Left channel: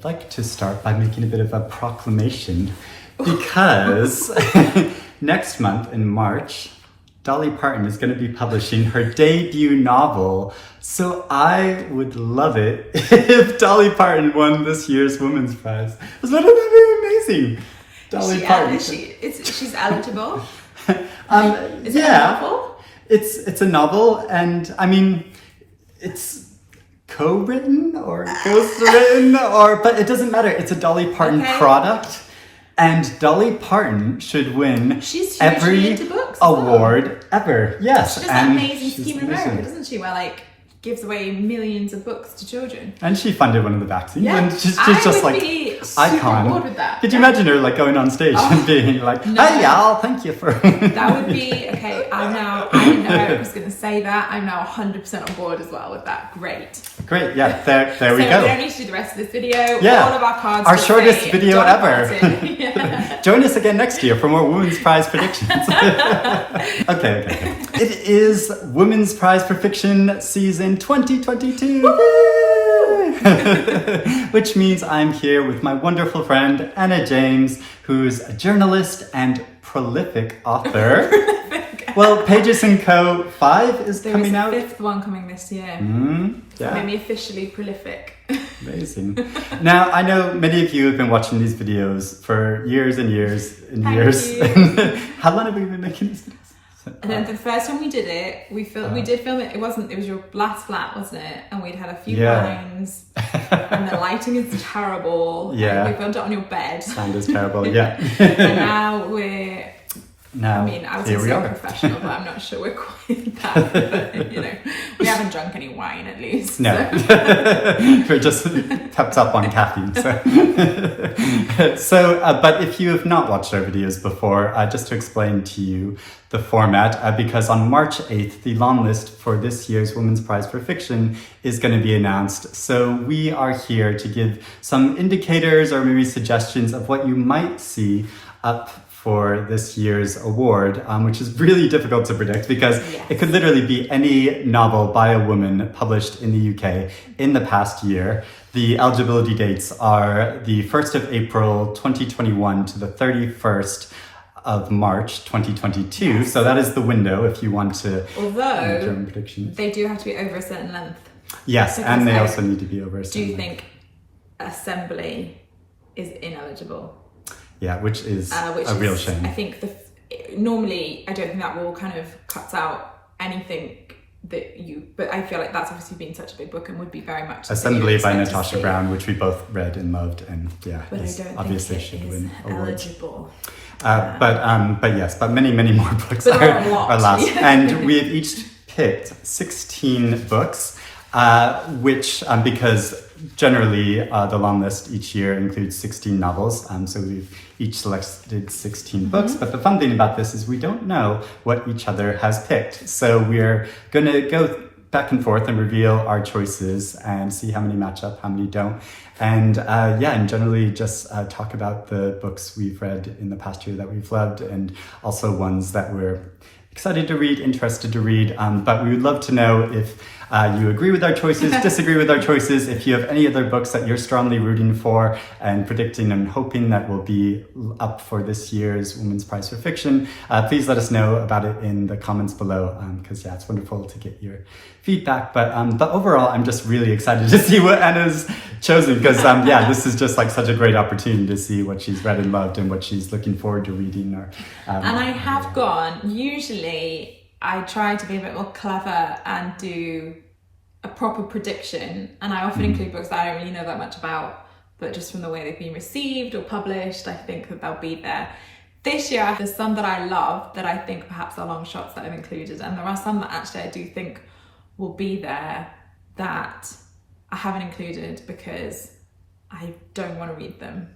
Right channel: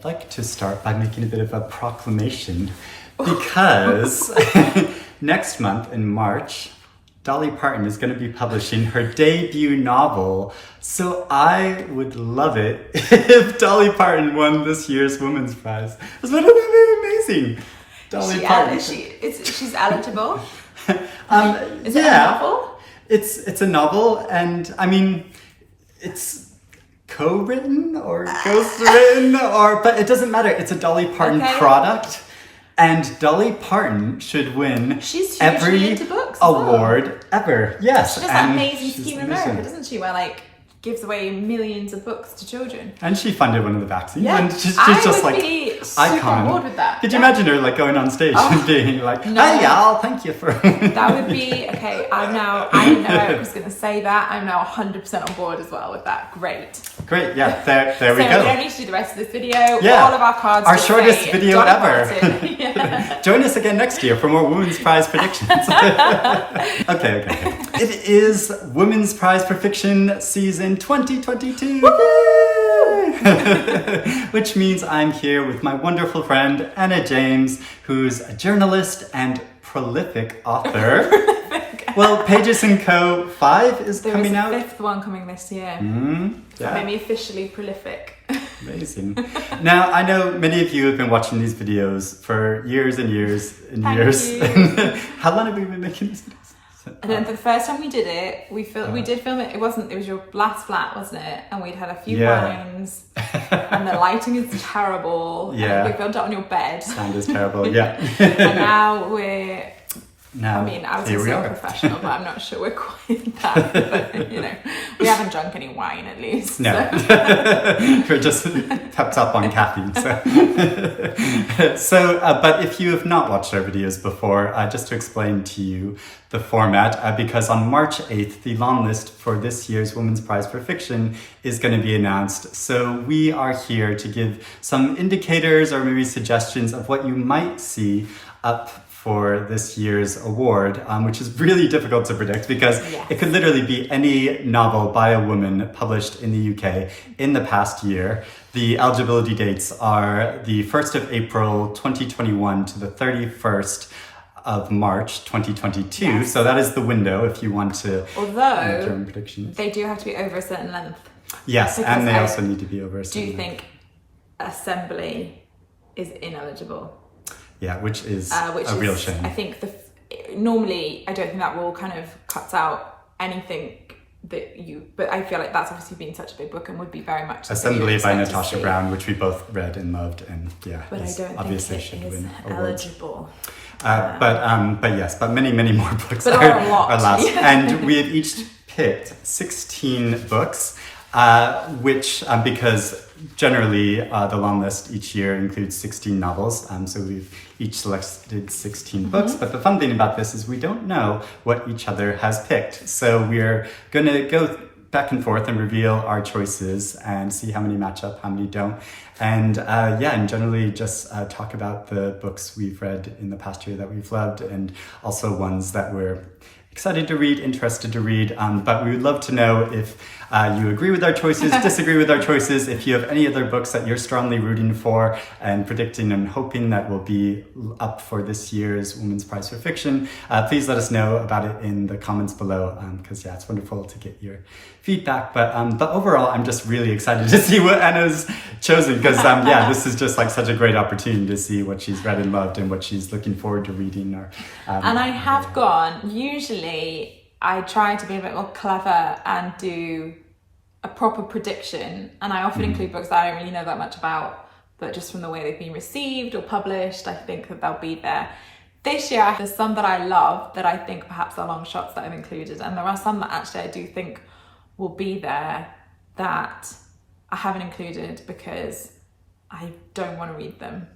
I'd like to start by making a bit of a proclamation because next month in March, Dolly Parton is going to be publishing her debut novel. So I would love it if Dolly Parton won this year's Women's Prize. Wouldn't that be amazing? Dolly Parton. She's eligible. Is it a novel? It's a novel, and I mean, it's co-written or ghost-written, but it doesn't matter. It's a Dolly Parton product, and Dolly Parton should win every award ever. Yes, she does that amazing scheme in America, doesn't she? Where gives away millions of books to children. And she funded one of the vaccines, and she's just like icon. With that. Could you imagine her going on stage and being like, "Hey y'all, thank you for." That would be okay. I didn't know I was going to say that. I'm now 100% on board as well with that. Great. Yeah. There we go. So we need to do the rest of this video. Yeah. All of our cards. Our shortest video ever. Yeah. Join us again next year for more Women's Prize predictions. Okay. It is Women's Prize for Fiction season 2022. Which means I'm here with my wonderful friend Anna James, who's a journalist and prolific author. Well, Pages & Co. 5 is coming out. There's the 5th one coming this year. Yeah. Made me officially prolific. Amazing. Now, I know many of you have been watching these videos for years and years and years. How long have we been making these videos? And then the first time we did it, we did film it. It was your last flat, wasn't it? And we'd had a few lines, and the lighting is terrible. Yeah, we filmed it on your bed. Sound is terrible. Yeah. And now we're. Now, I mean, I was so professional, but I'm not sure we're quite that. But, we haven't drunk any wine at least. No, we're just kept up on caffeine. But if you have not watched our videos before, just to explain to you the format, because on March 8th, the long list for this year's Women's Prize for Fiction is going to be announced. So we are here to give some indicators or maybe suggestions of what you might see up for this year's award, which is really difficult to predict because it could literally be any novel by a woman published in the UK in the past year. The eligibility dates are the 1st of April 2021 to the 31st of March 2022. Yes. So that is the window if you want to make your own predictions. They do have to be over a certain length. Yes, and they also need to be over a certain length. Do you think Assembly is ineligible? Yeah, which is a real shame. I think normally I don't think that rule kind of cuts out anything but I feel like that's obviously been such a big book and would be very much Assembly by Natasha Brown, which we both read and loved, and obviously should win awards. But many more books are last. And we have each picked 16 books, which because generally the long list each year includes 16 novels, so we've each selected 16 books, but the fun thing about this is we don't know what each other has picked, so we're going to go back and forth and reveal our choices and see how many match up, how many don't, and generally just talk about the books we've read in the past year that we've loved, and also ones that we're excited to read, interested to read, but we would love to know if you agree with our choices, disagree with our choices, if you have any other books that you're strongly rooting for and predicting and hoping that will be up for this year's Women's Prize for Fiction. Please let us know about it in the comments below, because it's wonderful to get your feedback. But overall, I'm just really excited to see what Anna's chosen, because this is just such a great opportunity to see what she's read and loved and what she's looking forward to reading. And I have usually I try to be a bit more clever and do a proper prediction, and I often include books that I don't really know that much about, but just from the way they've been received or published, I think that they'll be there. This year, there's some that I love that I think perhaps are long shots that I've included, and there are some that actually I do think will be there that I haven't included because I don't want to read them.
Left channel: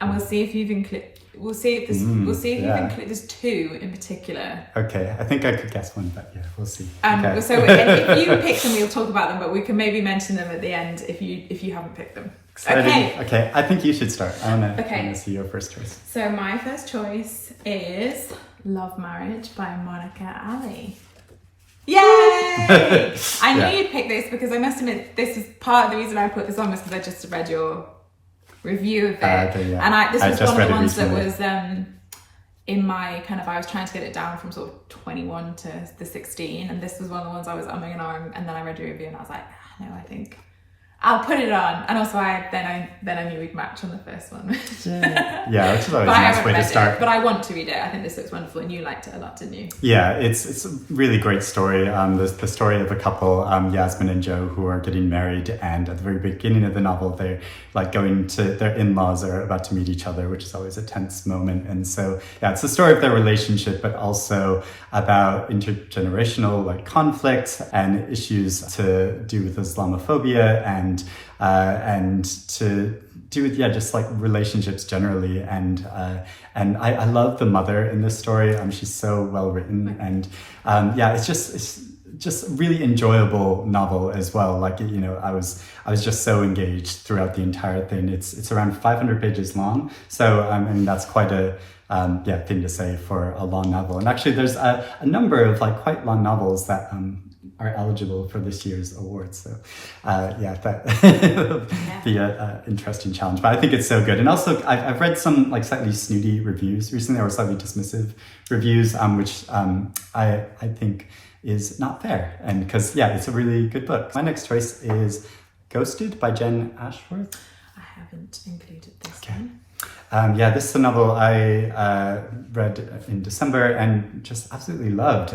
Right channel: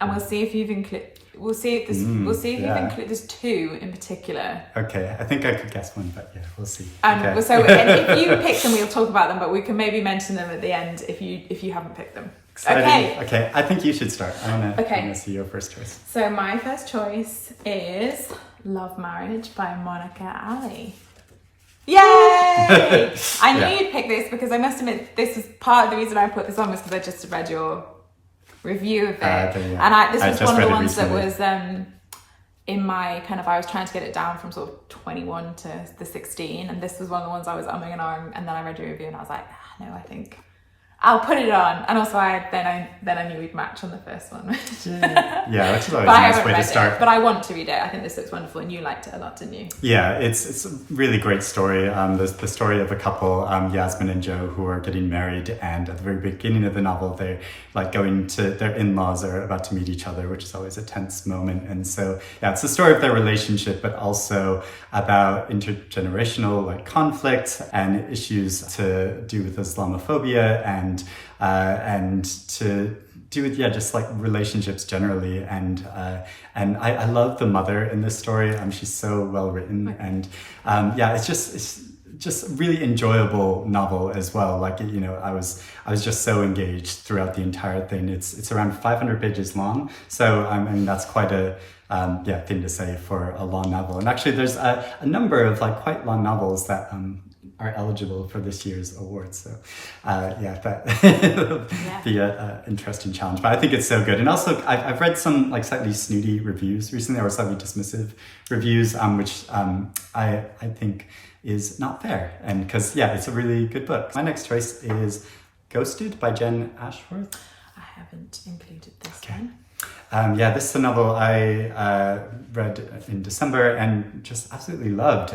And we'll see if you've included. We'll see if you've included. There's 2 in particular. Okay, I think I could guess one, but we'll see. Okay. So if you pick them, we'll talk about them, but we can maybe mention them at the end if you haven't picked them. Exciting. Okay. I think you should start. I want to see your first choice. So my first choice is Love Marriage by Monica Ali. Yay! I knew you'd pick this because I must admit this is part of the reason I put this on was because I just read your review of it. Yeah. And this was one of the ones recently. that was in my kind of, I was trying to get it down from sort of 21 to the 16, and this was one of the ones I was umming and ahhing, and then I read a review and I was like, no, I think I'll put it on. And also then I knew we'd match on the first one. Yeah, which is always a nice way to start. But I want to read it. I think this looks wonderful, and you liked it a lot, didn't you? Yeah, it's a really great story. The story of a couple, Yasmin and Joe, who are getting married, and at the very beginning of the novel, they're like going to their in-laws are about to meet each other, which is always a tense moment. And so, yeah, it's the story of their relationship, but also about intergenerational like conflict and issues to do with Islamophobia and to do with just like relationships generally. And I love the mother in this story. She's so well written, and it's just a really enjoyable novel as well. Like, you know, I was just so engaged throughout the entire thing. It's around 500 pages long, so I mean that's quite a thing to say for a long novel. And actually, there's a number of like quite long novels that are eligible for this year's awards. So that be an interesting challenge. But I think it's so good. And also, I've read some like slightly snooty reviews recently, or slightly dismissive reviews, which I think is not fair. And because it's a really good book. My next choice is Ghosted by Jen Ashworth. I haven't included this one. This is a novel I read in December and just absolutely loved.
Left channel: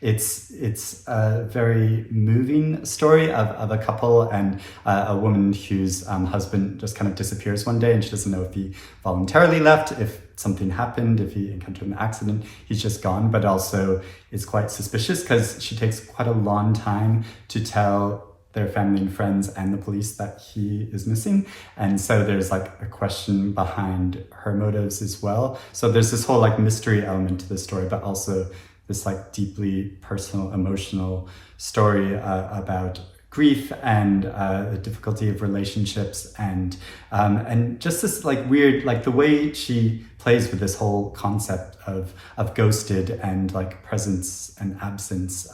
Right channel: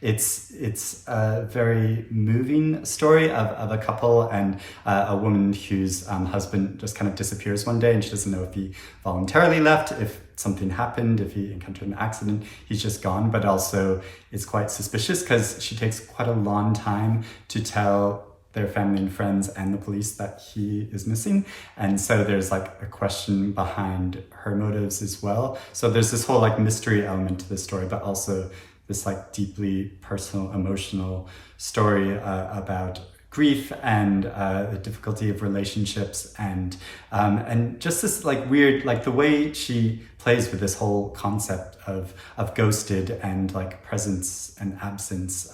It's a very moving story of a couple and a woman whose husband just kind of disappears one day, and she doesn't know if he voluntarily left, if something happened, if he encountered an accident. He's just gone, but also it's quite suspicious because she takes quite a long time to tell their family and friends and the police that he is missing. And so there's like a question behind her motives as well. So there's this whole like mystery element to this story, but also this like deeply personal, emotional story about grief and the difficulty of relationships and just this like weird, like the way she plays with this whole concept of ghosted and like presence and absence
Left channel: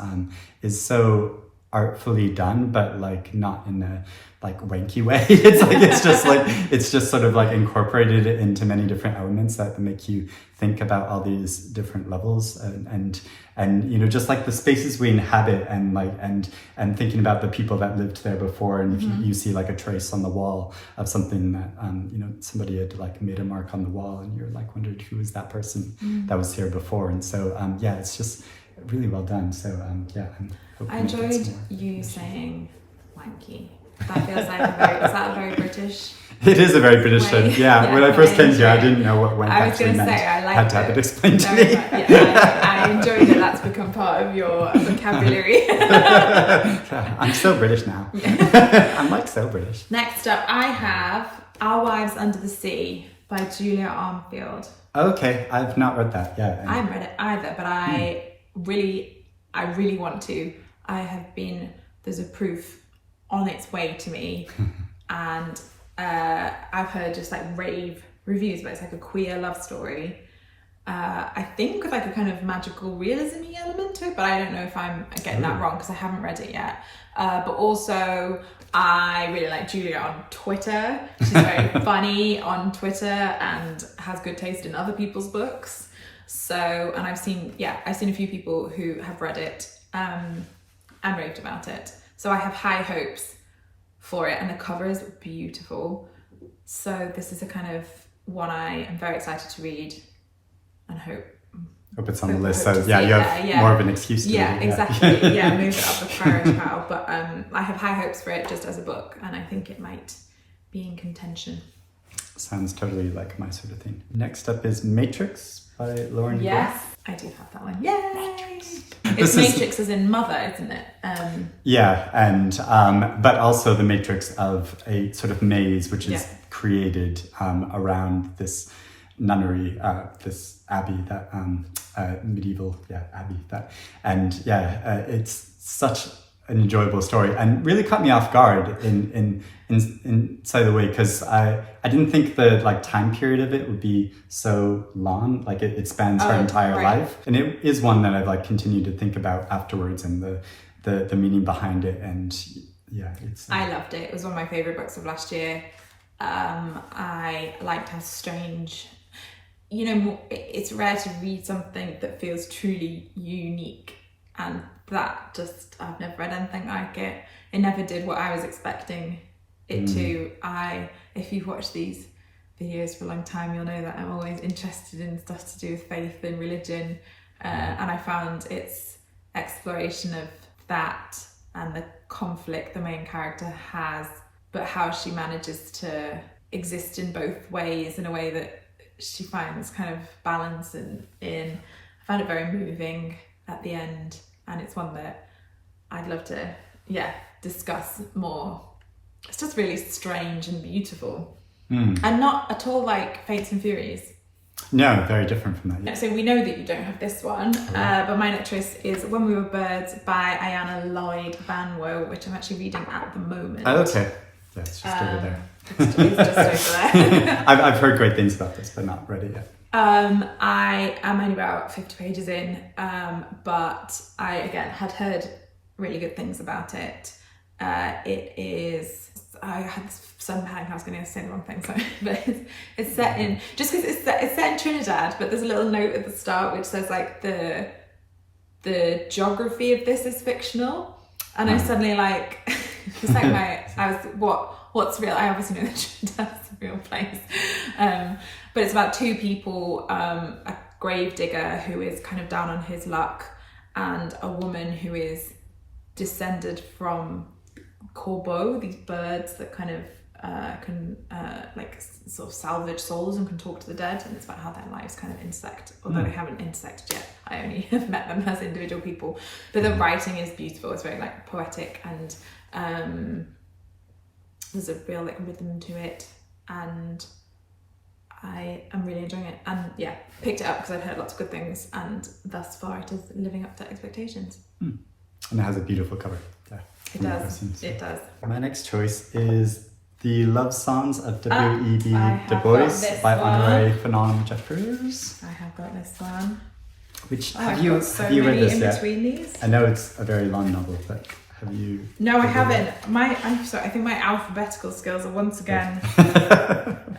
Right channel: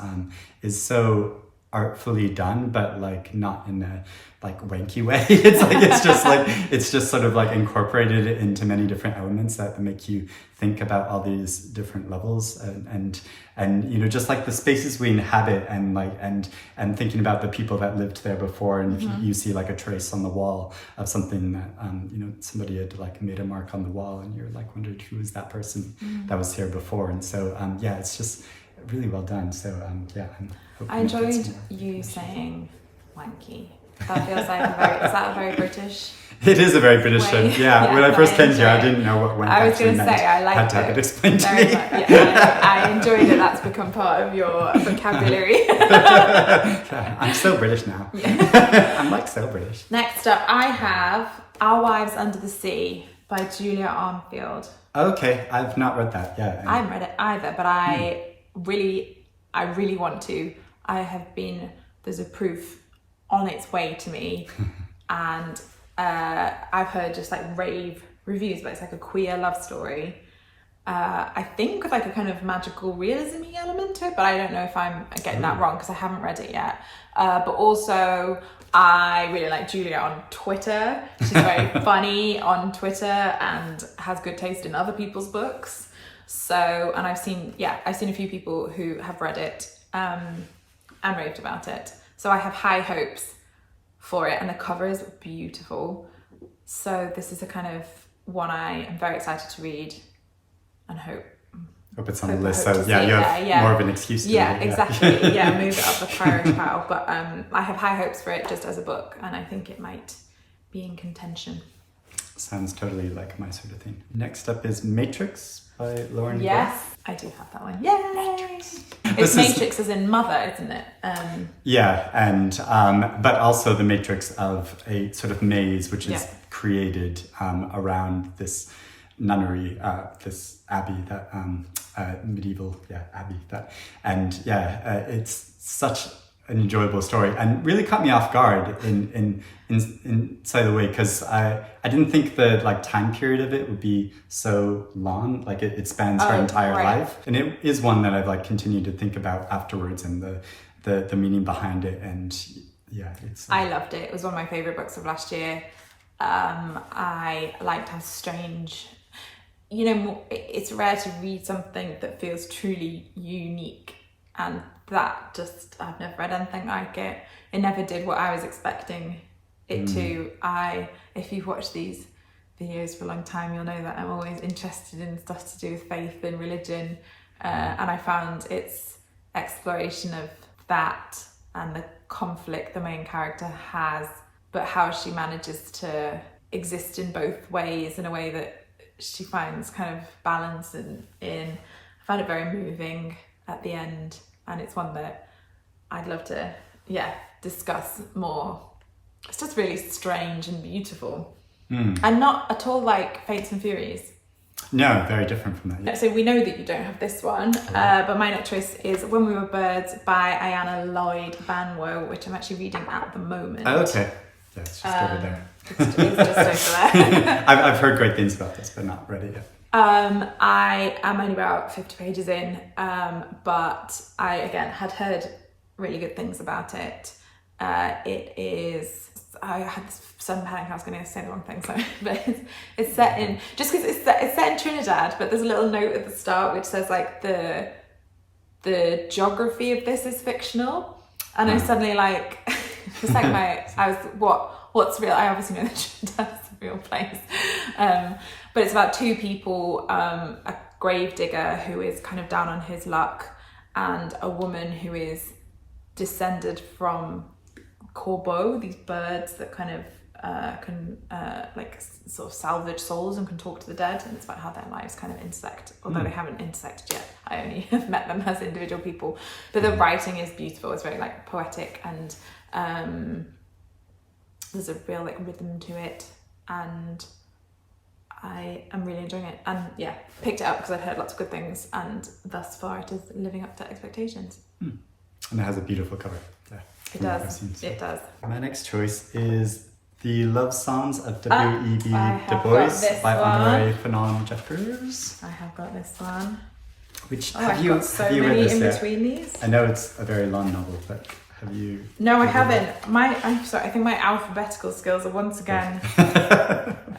is so artfully done, but like not in a like wanky way. It's just sort of like incorporated into many different elements that make you think about all these different levels and you know, just like the spaces we inhabit and like and thinking about the people that lived there before, and you see like a trace on the wall of something that you know, somebody had like made a mark on the wall, and you're like wondered who was that person that was here before. And so it's just really well done. So I enjoyed you saying wanky. That feels like is that a very British? It is a very British thing. Yeah, when I first came here, I didn't know what wank actually meant. I had to have it explained to me. I enjoyed that that's become part of your vocabulary. I'm so British now. I'm like so British. Next up, I have Our Wives Under the Sea by Julia Armfield. Okay, I've not read that yet. I haven't read it either, but I really want to. There's a proof on its way to me, and I've heard just like rave reviews, but it's like a queer love story. I think with like a kind of magical realism element to it, but I don't know if I'm getting that wrong because I haven't read it yet. But also I really like Julia on Twitter. She's very funny on Twitter and has good taste in other people's books. So, and I've seen a few people who have read it and raved about it. So I have high hopes for it, and the cover is beautiful. So this is a kind of one I am very excited to read and hope it's on the list. So you have more of an excuse to read it. Exactly. Move it up the priority pile. But I have high hopes for it just as a book, and I think it might be in contention. Sounds totally like my sort of thing. Next up is Matrix by Lauren. Yes, Groff. I do have that one. Yay! Matrix. It's Matrix as in mother, isn't it? But also the matrix of a sort of maze which is created around this nunnery, this abbey, that medieval abbey. It's such an enjoyable story and really caught me off guard in inside the way, because I didn't think the like time period of it would be so long. Like it spans her entire life, and it is one that I've like continued to think about afterwards, and the meaning behind it. And it's I loved it. It was one of my favorite books of last year. I liked how strange, you know, it's rare to read something that feels truly unique, and that just, I've never read anything like it. It never did what I was expecting it to. If you've watched these videos for a long time, you'll know that I'm always interested in stuff to do with faith and religion, and I found its exploration of that and the conflict the main character has, but how she manages to exist in both ways in a way that she finds kind of balance in. I found it very moving at the end, and it's one that I'd love to discuss more. It's just really strange and beautiful, and not at all like Fates and Furies. No, very different from that. Yeah. So we know that you don't have this one, but my next choice is When We Were Birds by Ayanna, Lloyd, Banwo, which I'm actually reading at the moment. Oh, okay. Yeah, it's just over there. It's just over there. I've heard great things about this, but not read it yet. I am only about 50 pages in, but I, again, had heard really good things about it. It is... I had this sudden panic I was going to say the wrong thing, sorry, but it's set in, just because it's set in Trinidad, but there's a little note at the start which says like the geography of this is fictional, and I suddenly like, it's like what's real? I obviously know that Trinidad is a real place, but it's about two people, a grave digger who is kind of down on his luck, and a woman who is descended from corbeaux, these birds that kind of can like sort of salvage souls and can talk to the dead, and it's about how their lives kind of intersect, although they haven't intersected yet. I only have met them as individual people, but the writing is beautiful. It's very like poetic, and there's a real like rhythm to it, and I am really enjoying it. And yeah, picked it up because I'd heard lots of good things, and thus far it is living up to expectations. And it has a beautiful cover. Yeah. It does. It does. My next choice is The Love Songs of W.E.B. Du Bois by Honoree, Fanonne, Jeffers. I have got this one. Which have you read this yet? These? I know it's a very long novel, but have you? No, I haven't. I'm sorry. I think my alphabetical skills are once again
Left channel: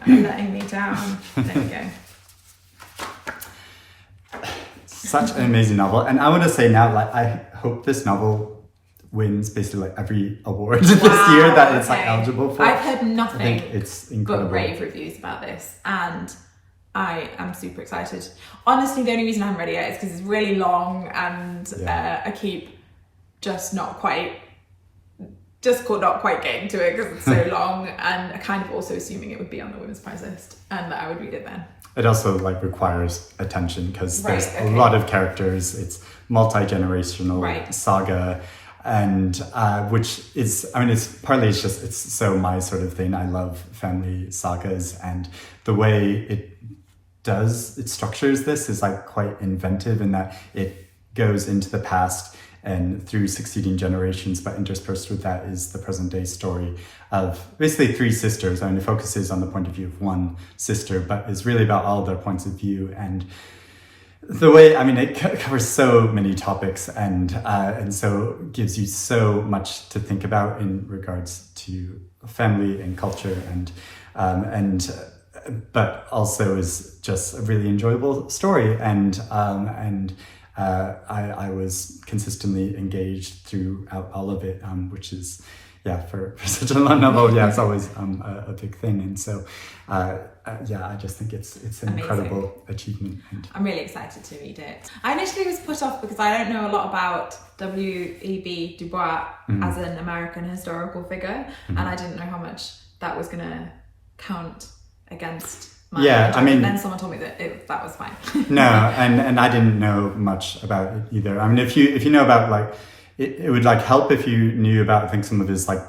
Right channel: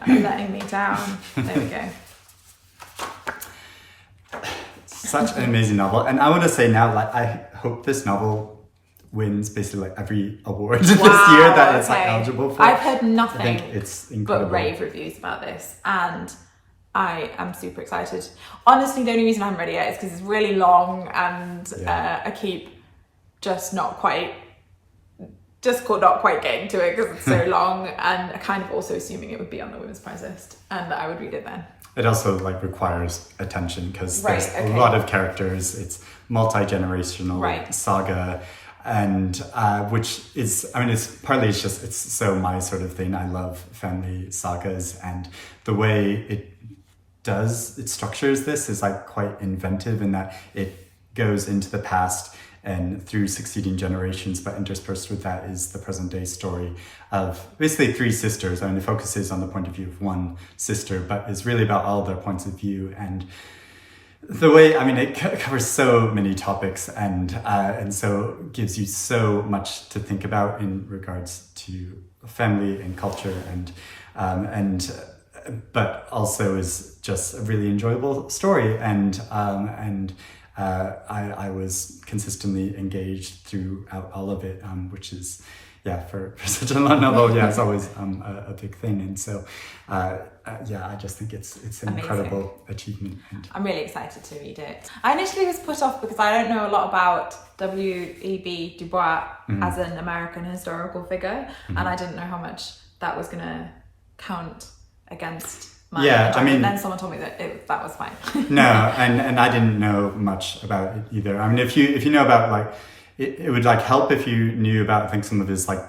letting me down. There we go. Such an amazing novel, and I want to say now, like, I hope this novel wins basically like every award this year that it's like eligible for. I've heard nothing. I think it's incredible. But rave reviews about this, and I am super excited. Honestly, the only reason I haven't read it yet is because it's really long, and I keep just not quite getting to it because it's so long, and kind of also assuming it would be on the Women's Prize list and that I would read it then. It also like requires attention because there's a lot of characters. It's multi-generational saga. And which is, I mean, it's so my sort of thing. I love family sagas, and the way it structures this is like quite inventive in that it goes into the past and through succeeding generations, but interspersed with that is the present day story of basically three sisters. I mean, it focuses on the point of view of one sister, but it's really about all their points of view. And the way, I mean, it covers so many topics, and so gives you so much to think about in regards to family and culture, but also is just a really enjoyable story, and I was consistently engaged throughout all of it, which is, for such a long novel, it's always a big thing. And so, I just think it's an amazing, incredible achievement. And I'm really excited to read it. I initially was put off because I don't know a lot about W.E.B. Du Bois as an American historical figure, and I didn't know how much that was going to count against my I mean, and then someone told me that that was fine. No, and I didn't know much about it either. I mean, if you know about like, it would like help if you knew about, I think, some of his like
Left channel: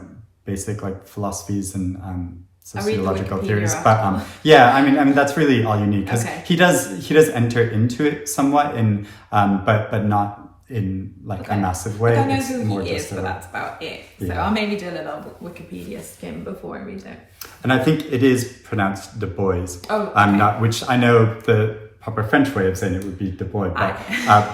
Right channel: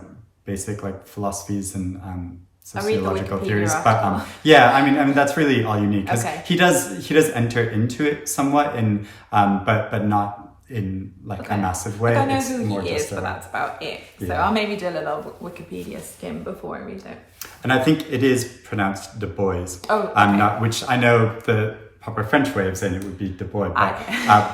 basic like philosophies and sociological theories. But I mean that's really all you need, because he does enter into it somewhat in but not in like a massive way. I know who he is, but that's about it. So I'll maybe do a little Wikipedia skim before I read it. And I think it is pronounced Du Bois. Oh, not, which I know the proper French way of saying it would be Du Bois, but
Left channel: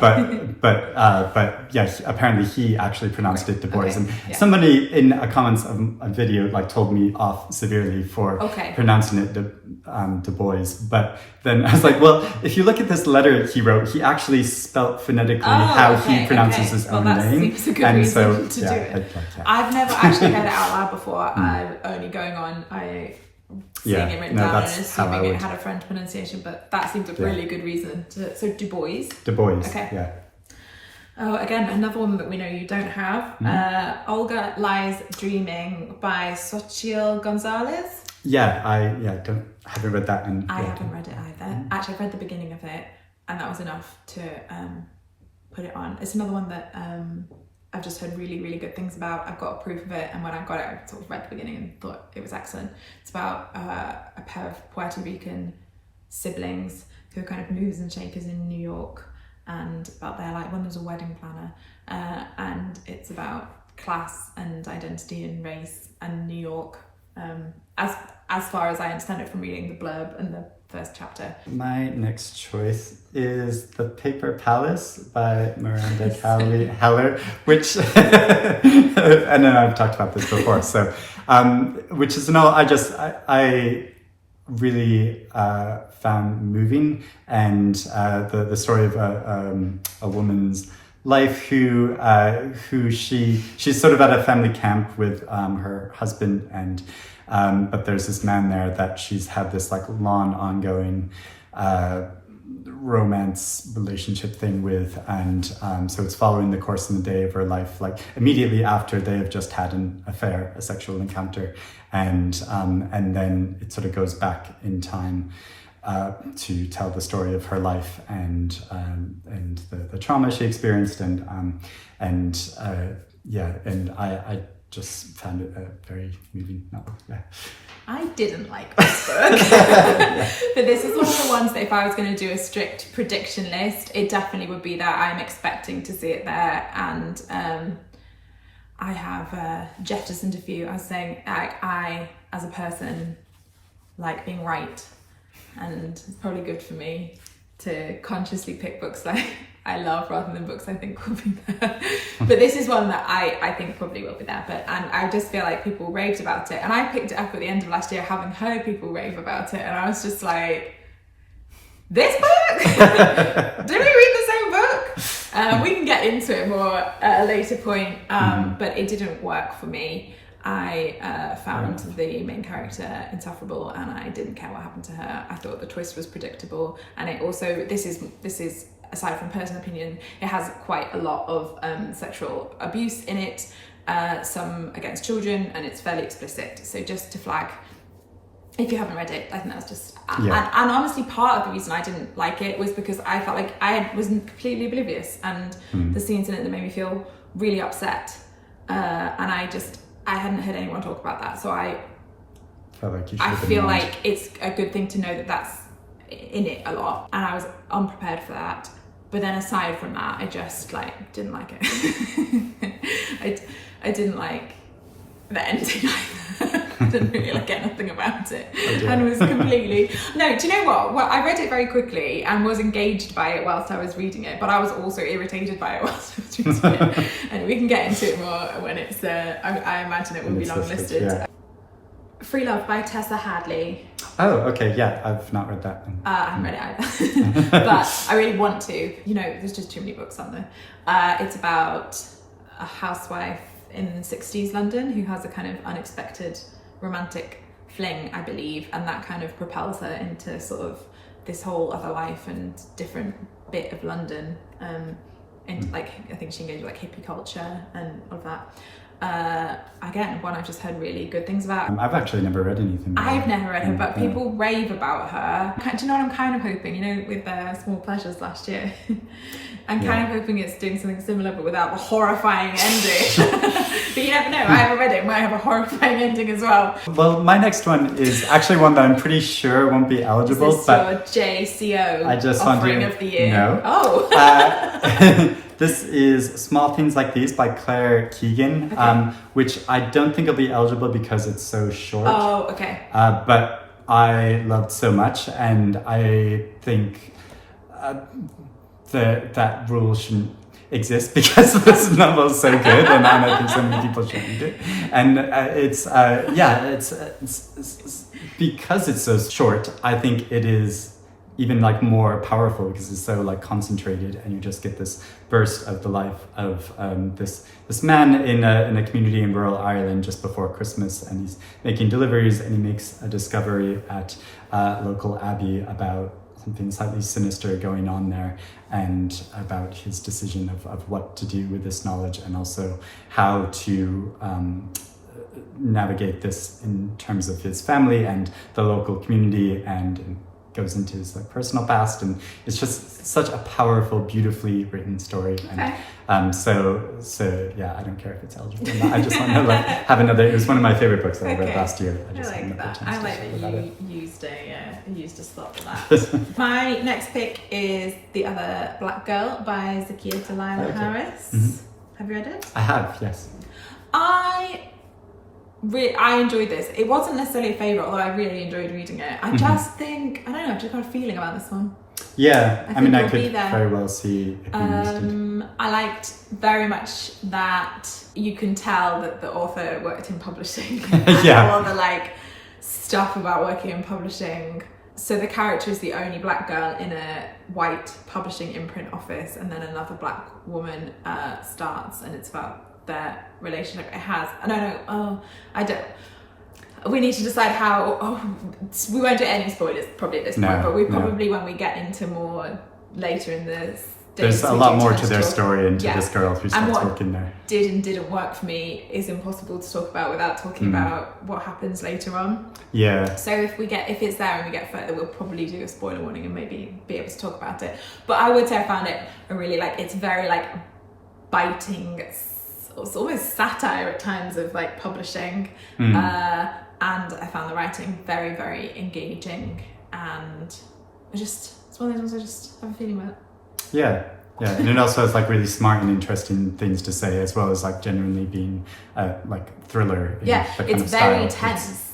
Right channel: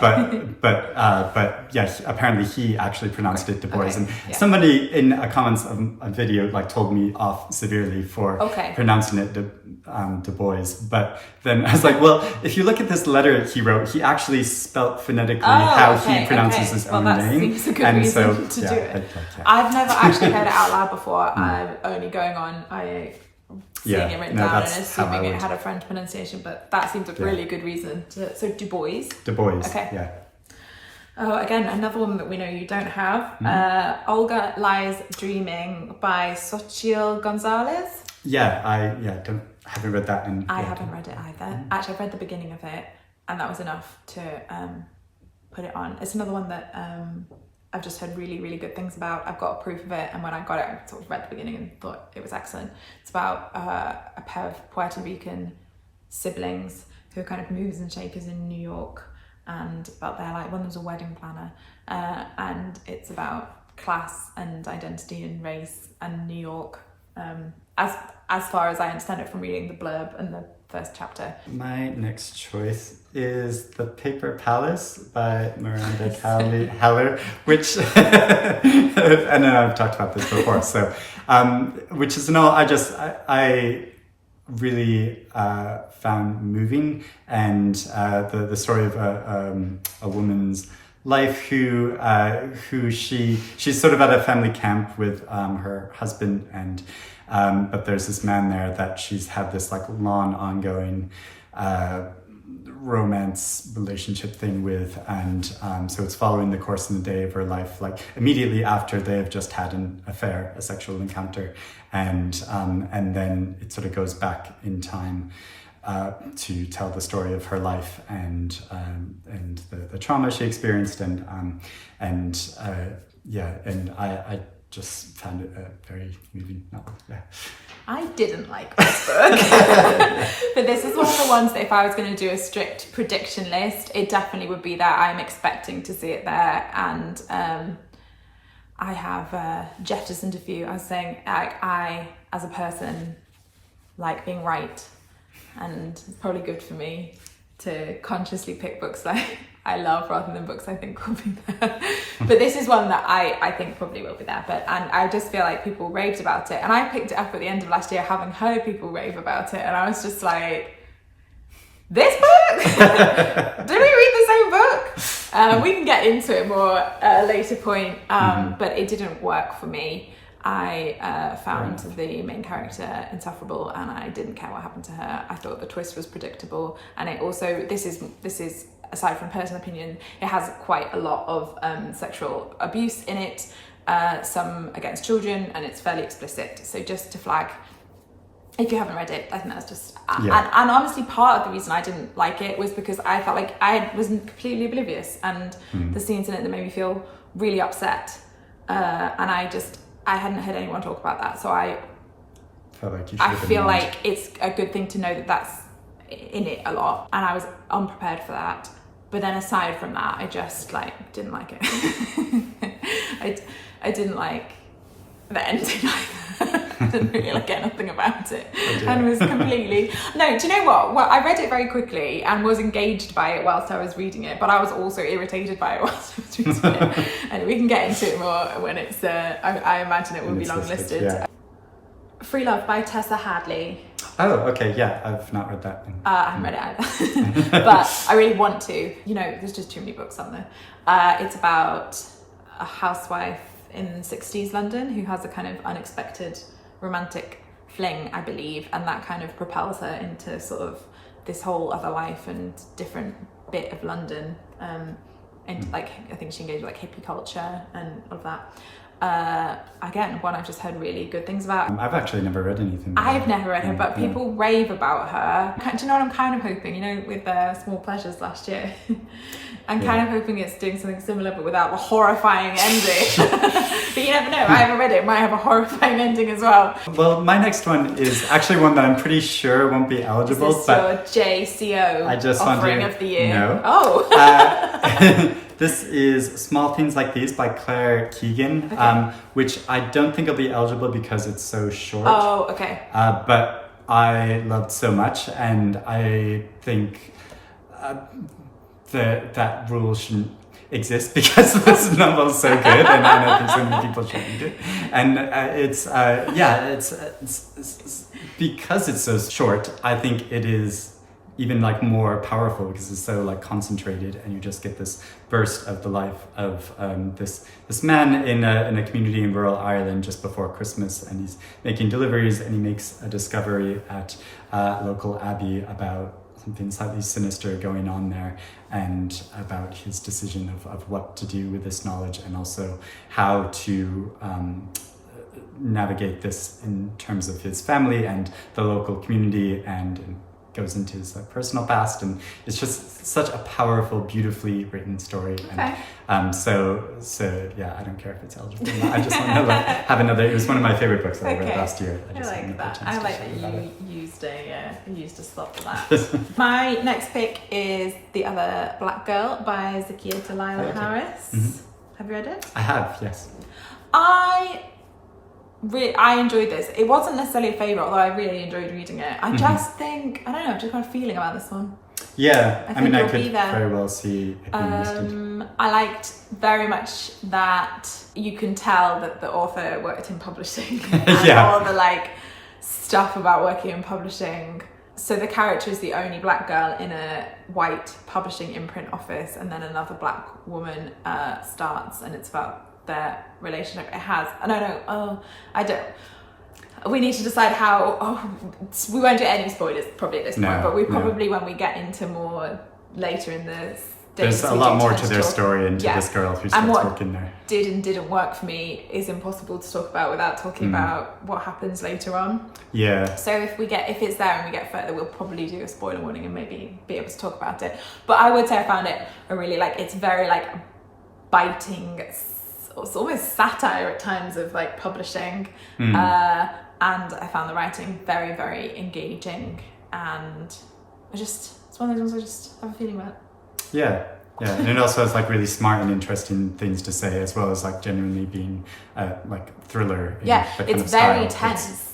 Okay. but yeah, apparently he actually pronounced it Du Bois, Okay. and Yeah. somebody in a comments of a video like told me off severely for Okay. pronouncing it Du Bois, but then I was like, well, if you look at this letter he wrote, he actually spelt phonetically how he pronounces his own name, and so to yeah, do it. yeah. I've never actually heard it out loud before. I'm only going on. Seeing it written down and assuming it had a French pronunciation, but that seems a really good reason to. So Du Bois. Du Bois. Okay. Yeah. Oh, again, another one that we know you don't have. Olga Lies Dreaming by Xochitl Gonzalez. Yeah, I haven't read that. I haven't read it either. Actually, I've read the beginning of it, and that was enough to put it on. It's another one that I've just heard really, really good things about. I've got a proof of it, and when I got it, I sort of read the beginning and thought it was excellent. It's about a pair of Puerto Rican siblings who are kind of movers and shakers in New York, and about their like one was a wedding planner, and it's about class and identity and race and New York. As far as I understand it from reading the blurb and the first chapter. My next choice is The Paper Palace by Miranda Heller, which, and then I've talked about this before, so, which is a novel I really found moving, and the story of a woman's life who she's sort of at a family camp with her husband, and but there's this man there that she's had this like long ongoing romance relationship thing with, and so it's following the course and the day of her life, like immediately after they have just had an affair, a sexual encounter, and then it sort of goes back in time to tell the story of her life and the trauma she experienced, and I just found it a very moving novel. Yeah. I didn't like this book, but this is one of the ones that if I was going to do a strict prediction list, it definitely would be that. I'm expecting to see it there, and I have jettisoned a few. I was saying, I as a person like being right, and it's probably good for me to consciously pick books that I love rather than books I think will be there. But this is one that I think probably will be there. And I just feel like people raved about it. And I picked it up at the end of last year having heard people rave about it. And I was just like, this book? Did we read the same book? We can get into it more at a later point. But it didn't work for me. I found the main character insufferable, and I didn't care what happened to her. I thought the twist was predictable, and it also, this is aside from personal opinion, it has quite a lot of sexual abuse in it, some against children, and it's fairly explicit. So just to flag, if you haven't read it, I think that was just, and honestly part of the reason I didn't like it was because I felt like I was completely oblivious, and the scenes in it that made me feel really upset, and I hadn't heard anyone talk about that, so I felt like you feel like it's a good thing to know that that's in it a lot, and I was unprepared for that. But then aside from that, I just like didn't like it. I didn't like the ending either. I didn't really like anything about it, and was completely no. Do you know what? Well, I read it very quickly and was engaged by it whilst I was reading it, but I was also irritated by it whilst I was reading it. And we can get into it more when it's. I imagine it will be long listed. Yeah. Free Love by Tessa Hadley. Oh, okay, yeah, I've not read that. I haven't read it either, but I really want to. You know, there's just too many books on there. It's about a housewife in 60s London who has a kind of unexpected romantic fling, I believe, and that kind of propels her into sort of this whole other life and different bit of London. And like, I think she engaged with like hippie culture and all of that. Again, one I've just heard really good things about. I've actually never read anything. I've never read her, but people rave about her. Do you know what I'm kind of hoping? You know, with Small Pleasures last year, I'm kind of hoping it's doing something similar, but without the horrifying ending. But you never know. I haven't read it. It might have a horrifying ending as well. Well, my next one is actually one that I'm pretty sure won't be eligible. Is this your JCO I just offering want of the year? No. Oh. This is Small Things Like These by Claire Keegan, which I don't think will be eligible because it's so short. Oh, okay. But I loved so much, and I think that rule shouldn't exist because this novel is so good, and I think so many people should read it. And it's because it's so short. I think it is even like more powerful because it's so like concentrated, and you just get this burst of the life of this man in a community in rural Ireland just before Christmas, and he's making deliveries, and he makes a discovery at a local abbey about something slightly sinister going on there, and about his decision of what to do with this knowledge, and also how to navigate this in terms of his family and the local community, and goes into his like personal past, and it's just such a powerful, beautifully written story. Okay. And so yeah, I don't care if it's eligible or not. I just want to like have another. It was one of my favorite books that I read last year. I just like that. I like that you used a slot for that. My next pick is The Other Black Girl by Zakiya Dalila Harris. Mm-hmm. Have you read it? I have, yes. I enjoyed this. It wasn't necessarily a favourite, although I really enjoyed reading it. I just think, I don't know, I've just got a feeling about this one. Yeah, I mean, I could very well see it being listed. I liked very much that you can tell that the author worked in publishing and all the like stuff about working in publishing. So the character is the only black girl in a white publishing imprint office, and then another black woman starts, and it's about their relationship. It has, I don't. We need to decide how. We won't do any spoilers probably at this point, but we probably when we get into more later in the. There's a lot more to their story and to this girl who starts working there. Did and didn't work for me is impossible to talk about without talking about what happens later on. Yeah. So if it's there and we get further, we'll probably do a spoiler warning and maybe be able to talk about it. But I would say I found it a really it's very like biting. It's almost satire at times of like publishing, and I found the writing very, very engaging, and it's one of those ones I just have a feeling about. Yeah, and it also has like really smart and interesting things to say, as well as like genuinely being like thriller. In the kind it's of very style. tense.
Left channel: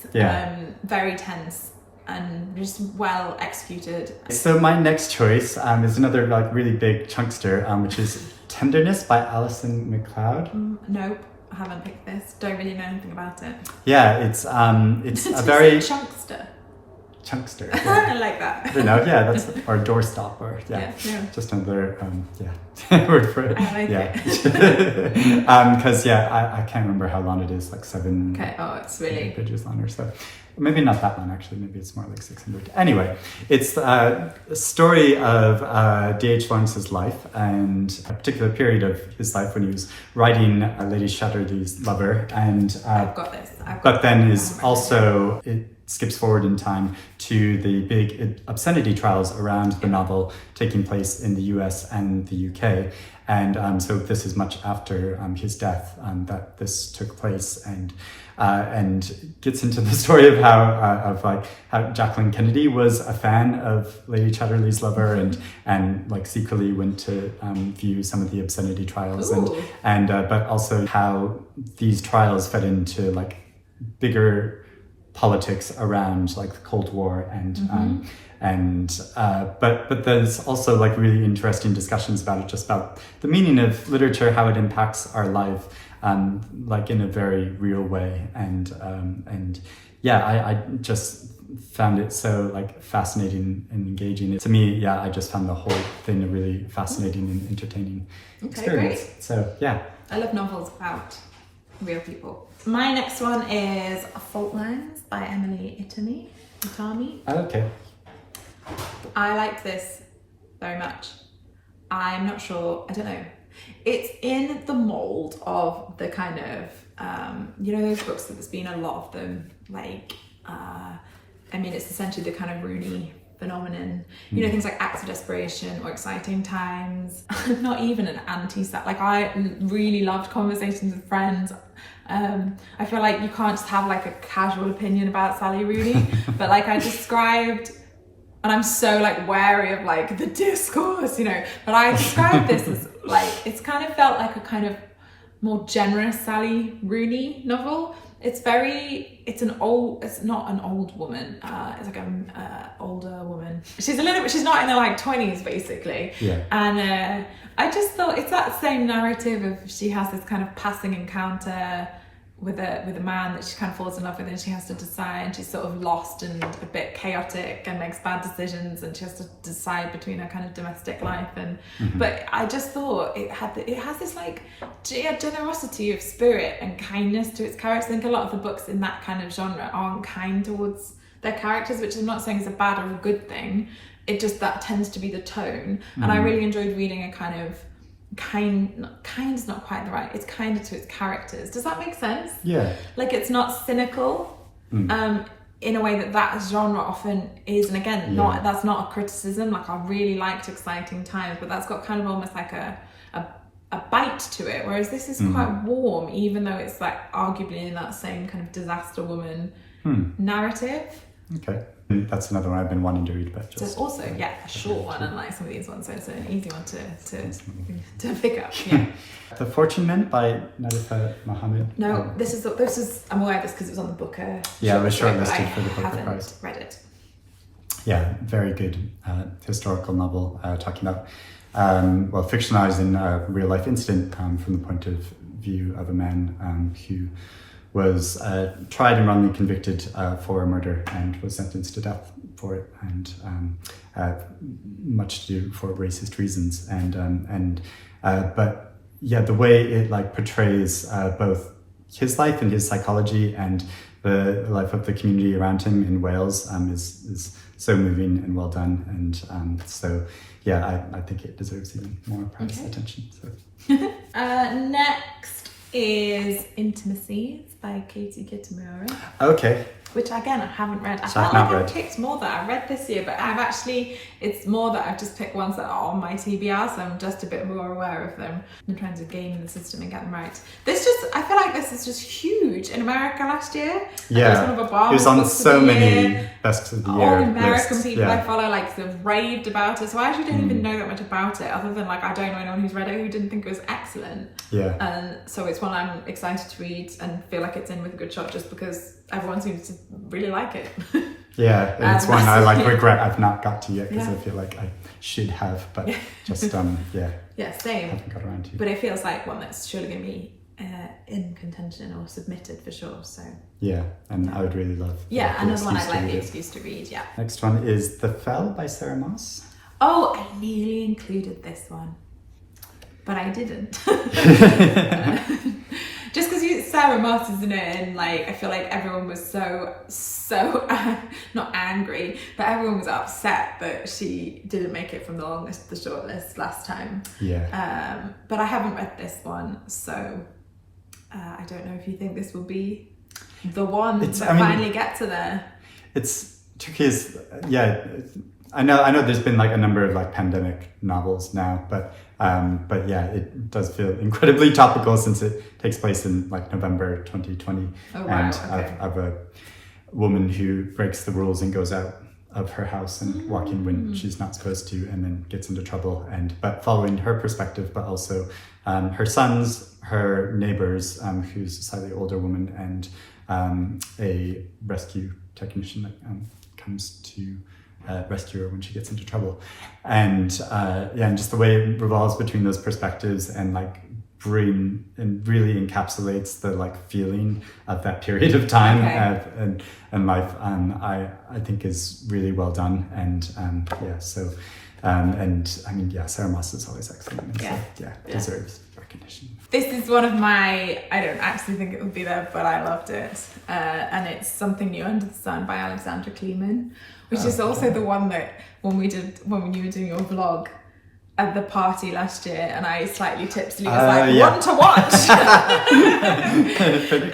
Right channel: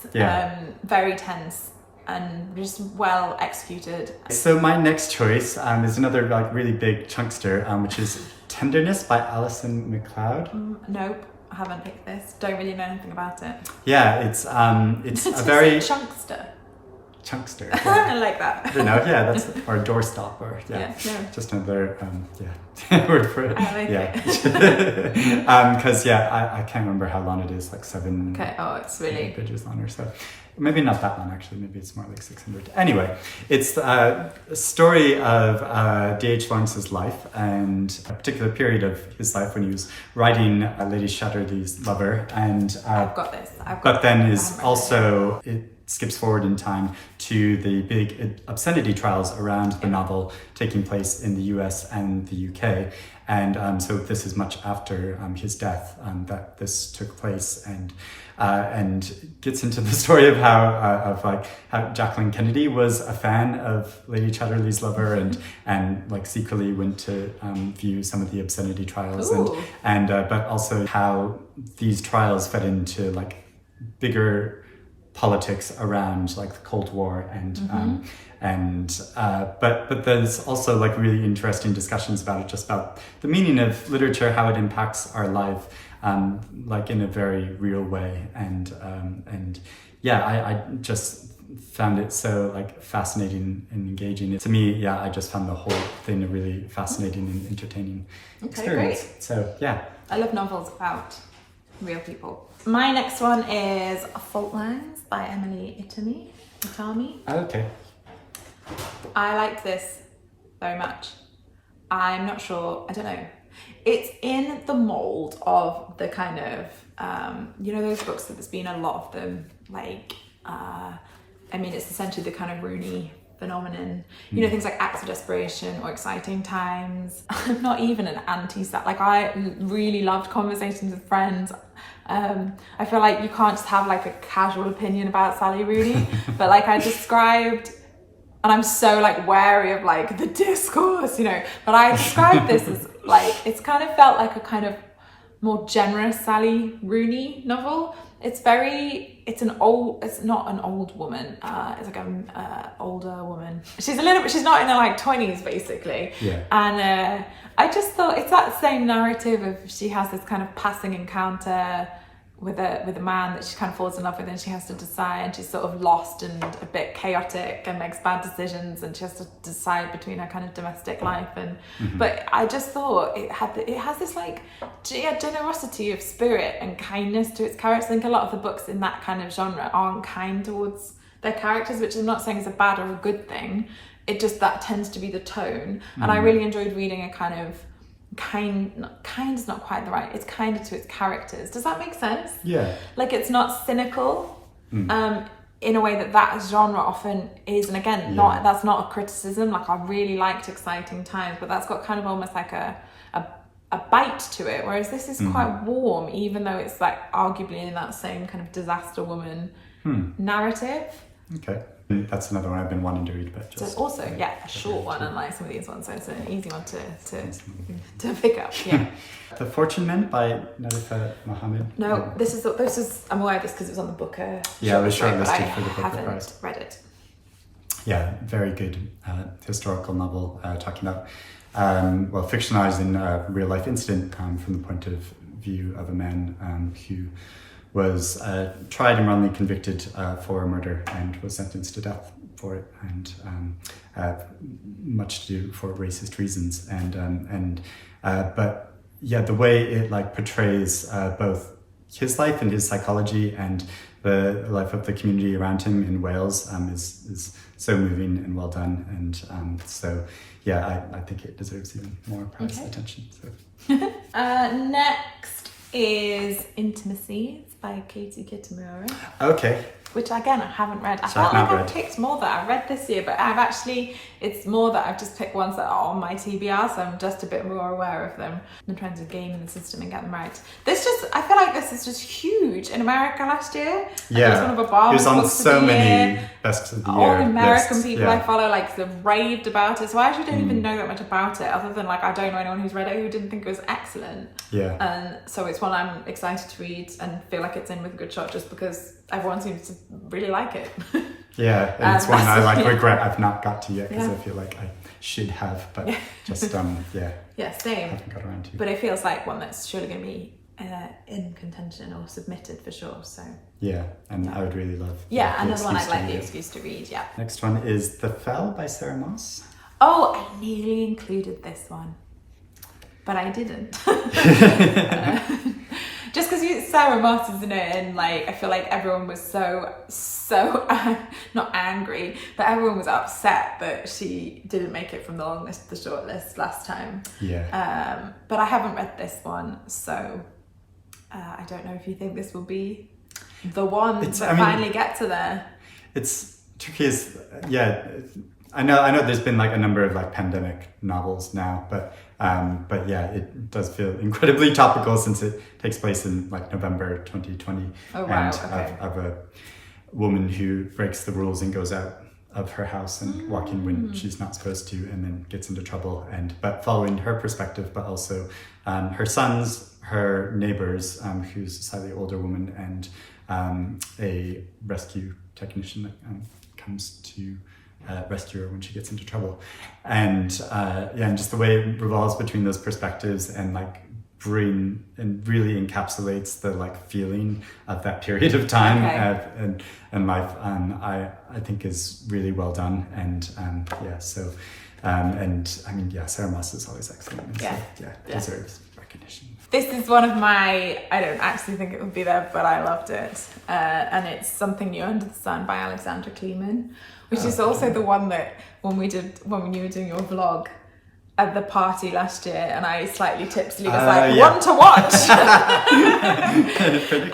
Very tense and just well executed. So my next choice is another like really big chunkster, which is Tenderness by Alison McLeod. Nope, I haven't picked this. Don't really know anything about it. Yeah, it's a very chunkster. Chunkster. Yeah. I like that. You know, that's our doorstop, or just another word for it. I like it. Because I can't remember how long it is, like 7. Okay. Oh, it's really pages long or so. Maybe not that long, actually. Maybe it's more like 600. Anyway, it's a story of D.H. Lawrence's life, and a particular period of his life when he was writing Lady Chatterley's Lover. And I've got this. But then is also it skips forward in time to the big obscenity trials around the novel taking place in the US and the UK. And so this is much after his death that this took place, and gets into the story of how Jacqueline Kennedy was a fan of Lady Chatterley's Lover, and like secretly went to view some of the obscenity trials. Ooh. and but also how these trials fed into like bigger politics around like the Cold War, but there's also like really interesting discussions about it, just about the meaning of literature, how it impacts our life, like in a very real way, and I just found it so like fascinating and engaging. To me, I just found the whole thing a really fascinating and entertaining experience. Great. So I love novels about real people. My next one is Fault Lines by Emily Itami. Okay. I like this very much. I'm not sure, I don't know. It's in the mold of the kind of, those books that there's been a lot of them, like, it's essentially the kind of Rooney phenomenon. Things like Acts of Desperation or Exciting Times. I'm not even an anti-sat. Like, I really loved Conversations with Friends. I feel like you can't just have like a casual opinion about Sally Rooney, but like I described, and I'm so like wary of like the discourse, but I described this as like, it's kind of felt like a kind of more generous Sally Rooney novel. It's not an old woman. It's like an older woman. She's not in her like 20s basically. Yeah. And I just thought it's that same narrative of she has this kind of passing encounter with a man that she kind of falls in love with, and she has to decide, and she's sort of lost and a bit chaotic and makes bad decisions, and she has to decide between her kind of domestic life and but I just thought it has this like generosity of spirit and kindness to its characters. I think a lot of the books in that kind of genre aren't kind towards their characters, which I'm not saying is a bad or a good thing. It just, that tends to be the tone. And I really enjoyed reading a kind of kind is not quite the right, it's kinder to its characters. Does that make sense? Yeah. Like it's not cynical in a way that genre often is. And again, that's not a criticism. Like I really liked Exciting Times, but that's got kind of almost like a bite to it, whereas this is quite warm, even though it's like arguably in that same kind of disaster woman narrative. Okay. That's another one I've been wanting to read, but just, so it's also a short one, unlike some of these ones, so it's an easy one to pick up. Yeah. The Fortune Men by Nadifa Mohammed. No, this is I'm aware of this because it was on the Booker. Yeah, it was shortlisted for the Booker Prize. Read it. Yeah, very good historical novel talking about fictionalizing a real life incident from the point of view of a man who was tried and wrongly convicted for a murder and was sentenced to death for it, and much to do for racist reasons. But the way it like portrays both his life and his psychology and the life of the community around him in Wales is so moving and well done. And I think it deserves even more prize attention. So. Next is Intimacies by Kitamura. Okay. Which again I haven't read. I So felt I've not like read. I've picked more that I read this year, but it's more that I've just picked ones that are on my TBR, so I'm just a bit more aware of them in terms of gaming the system and get them right. I feel like this is just huge in America last year. Yeah, it was one of Obama's it was on books so of the many year. best of the All year American lists. people I follow they've raved about it, so I actually don't even know that much about it, other than like I don't know anyone who's read it who didn't think it was excellent. Yeah. And so it's one I'm excited to read and feel like it's in with a good shot, just because everyone seems to really like it. Yeah, and it's one I regret I've not got to yet, because I feel like I should have, but just same. Haven't got around to. But it feels like one that's surely going to be in contention or submitted for sure. So yeah, and I would really love. Another one I'd like the excuse to read. Yeah. Next one is The Fell by Sarah Moss. Oh, I nearly included this one, but I didn't. Just because Sarah Moss is in it, and like I feel like everyone was so not angry, but everyone was upset that she didn't make it from the Longlist to the Shortlist last time. Yeah. But I haven't read this one, so I don't know if you think this will be the one finally get to there. It's tricky. I know there's been like a number of like pandemic novels now, but it does feel incredibly topical since it takes place in like November 2020. Oh, wow, of a woman who breaks the rules and goes out of her house and walking when she's not supposed to, and then gets into trouble. But following her perspective, but also her sons, her neighbors, who's a slightly older woman, and a rescue technician that comes to rescue her when she gets into trouble. And just the way it revolves between those perspectives and like really encapsulates the like feeling of that period of time and life. I think is really well done. And Sarah Moss is always excellent. And deserves recognition. This is one of my, I don't actually think it would be there, but I loved it. And it's Something New Under the Sun by Alexandra Kleeman, which is also the one that when you were doing your vlog at the party last year, and I slightly tipsily was one to watch.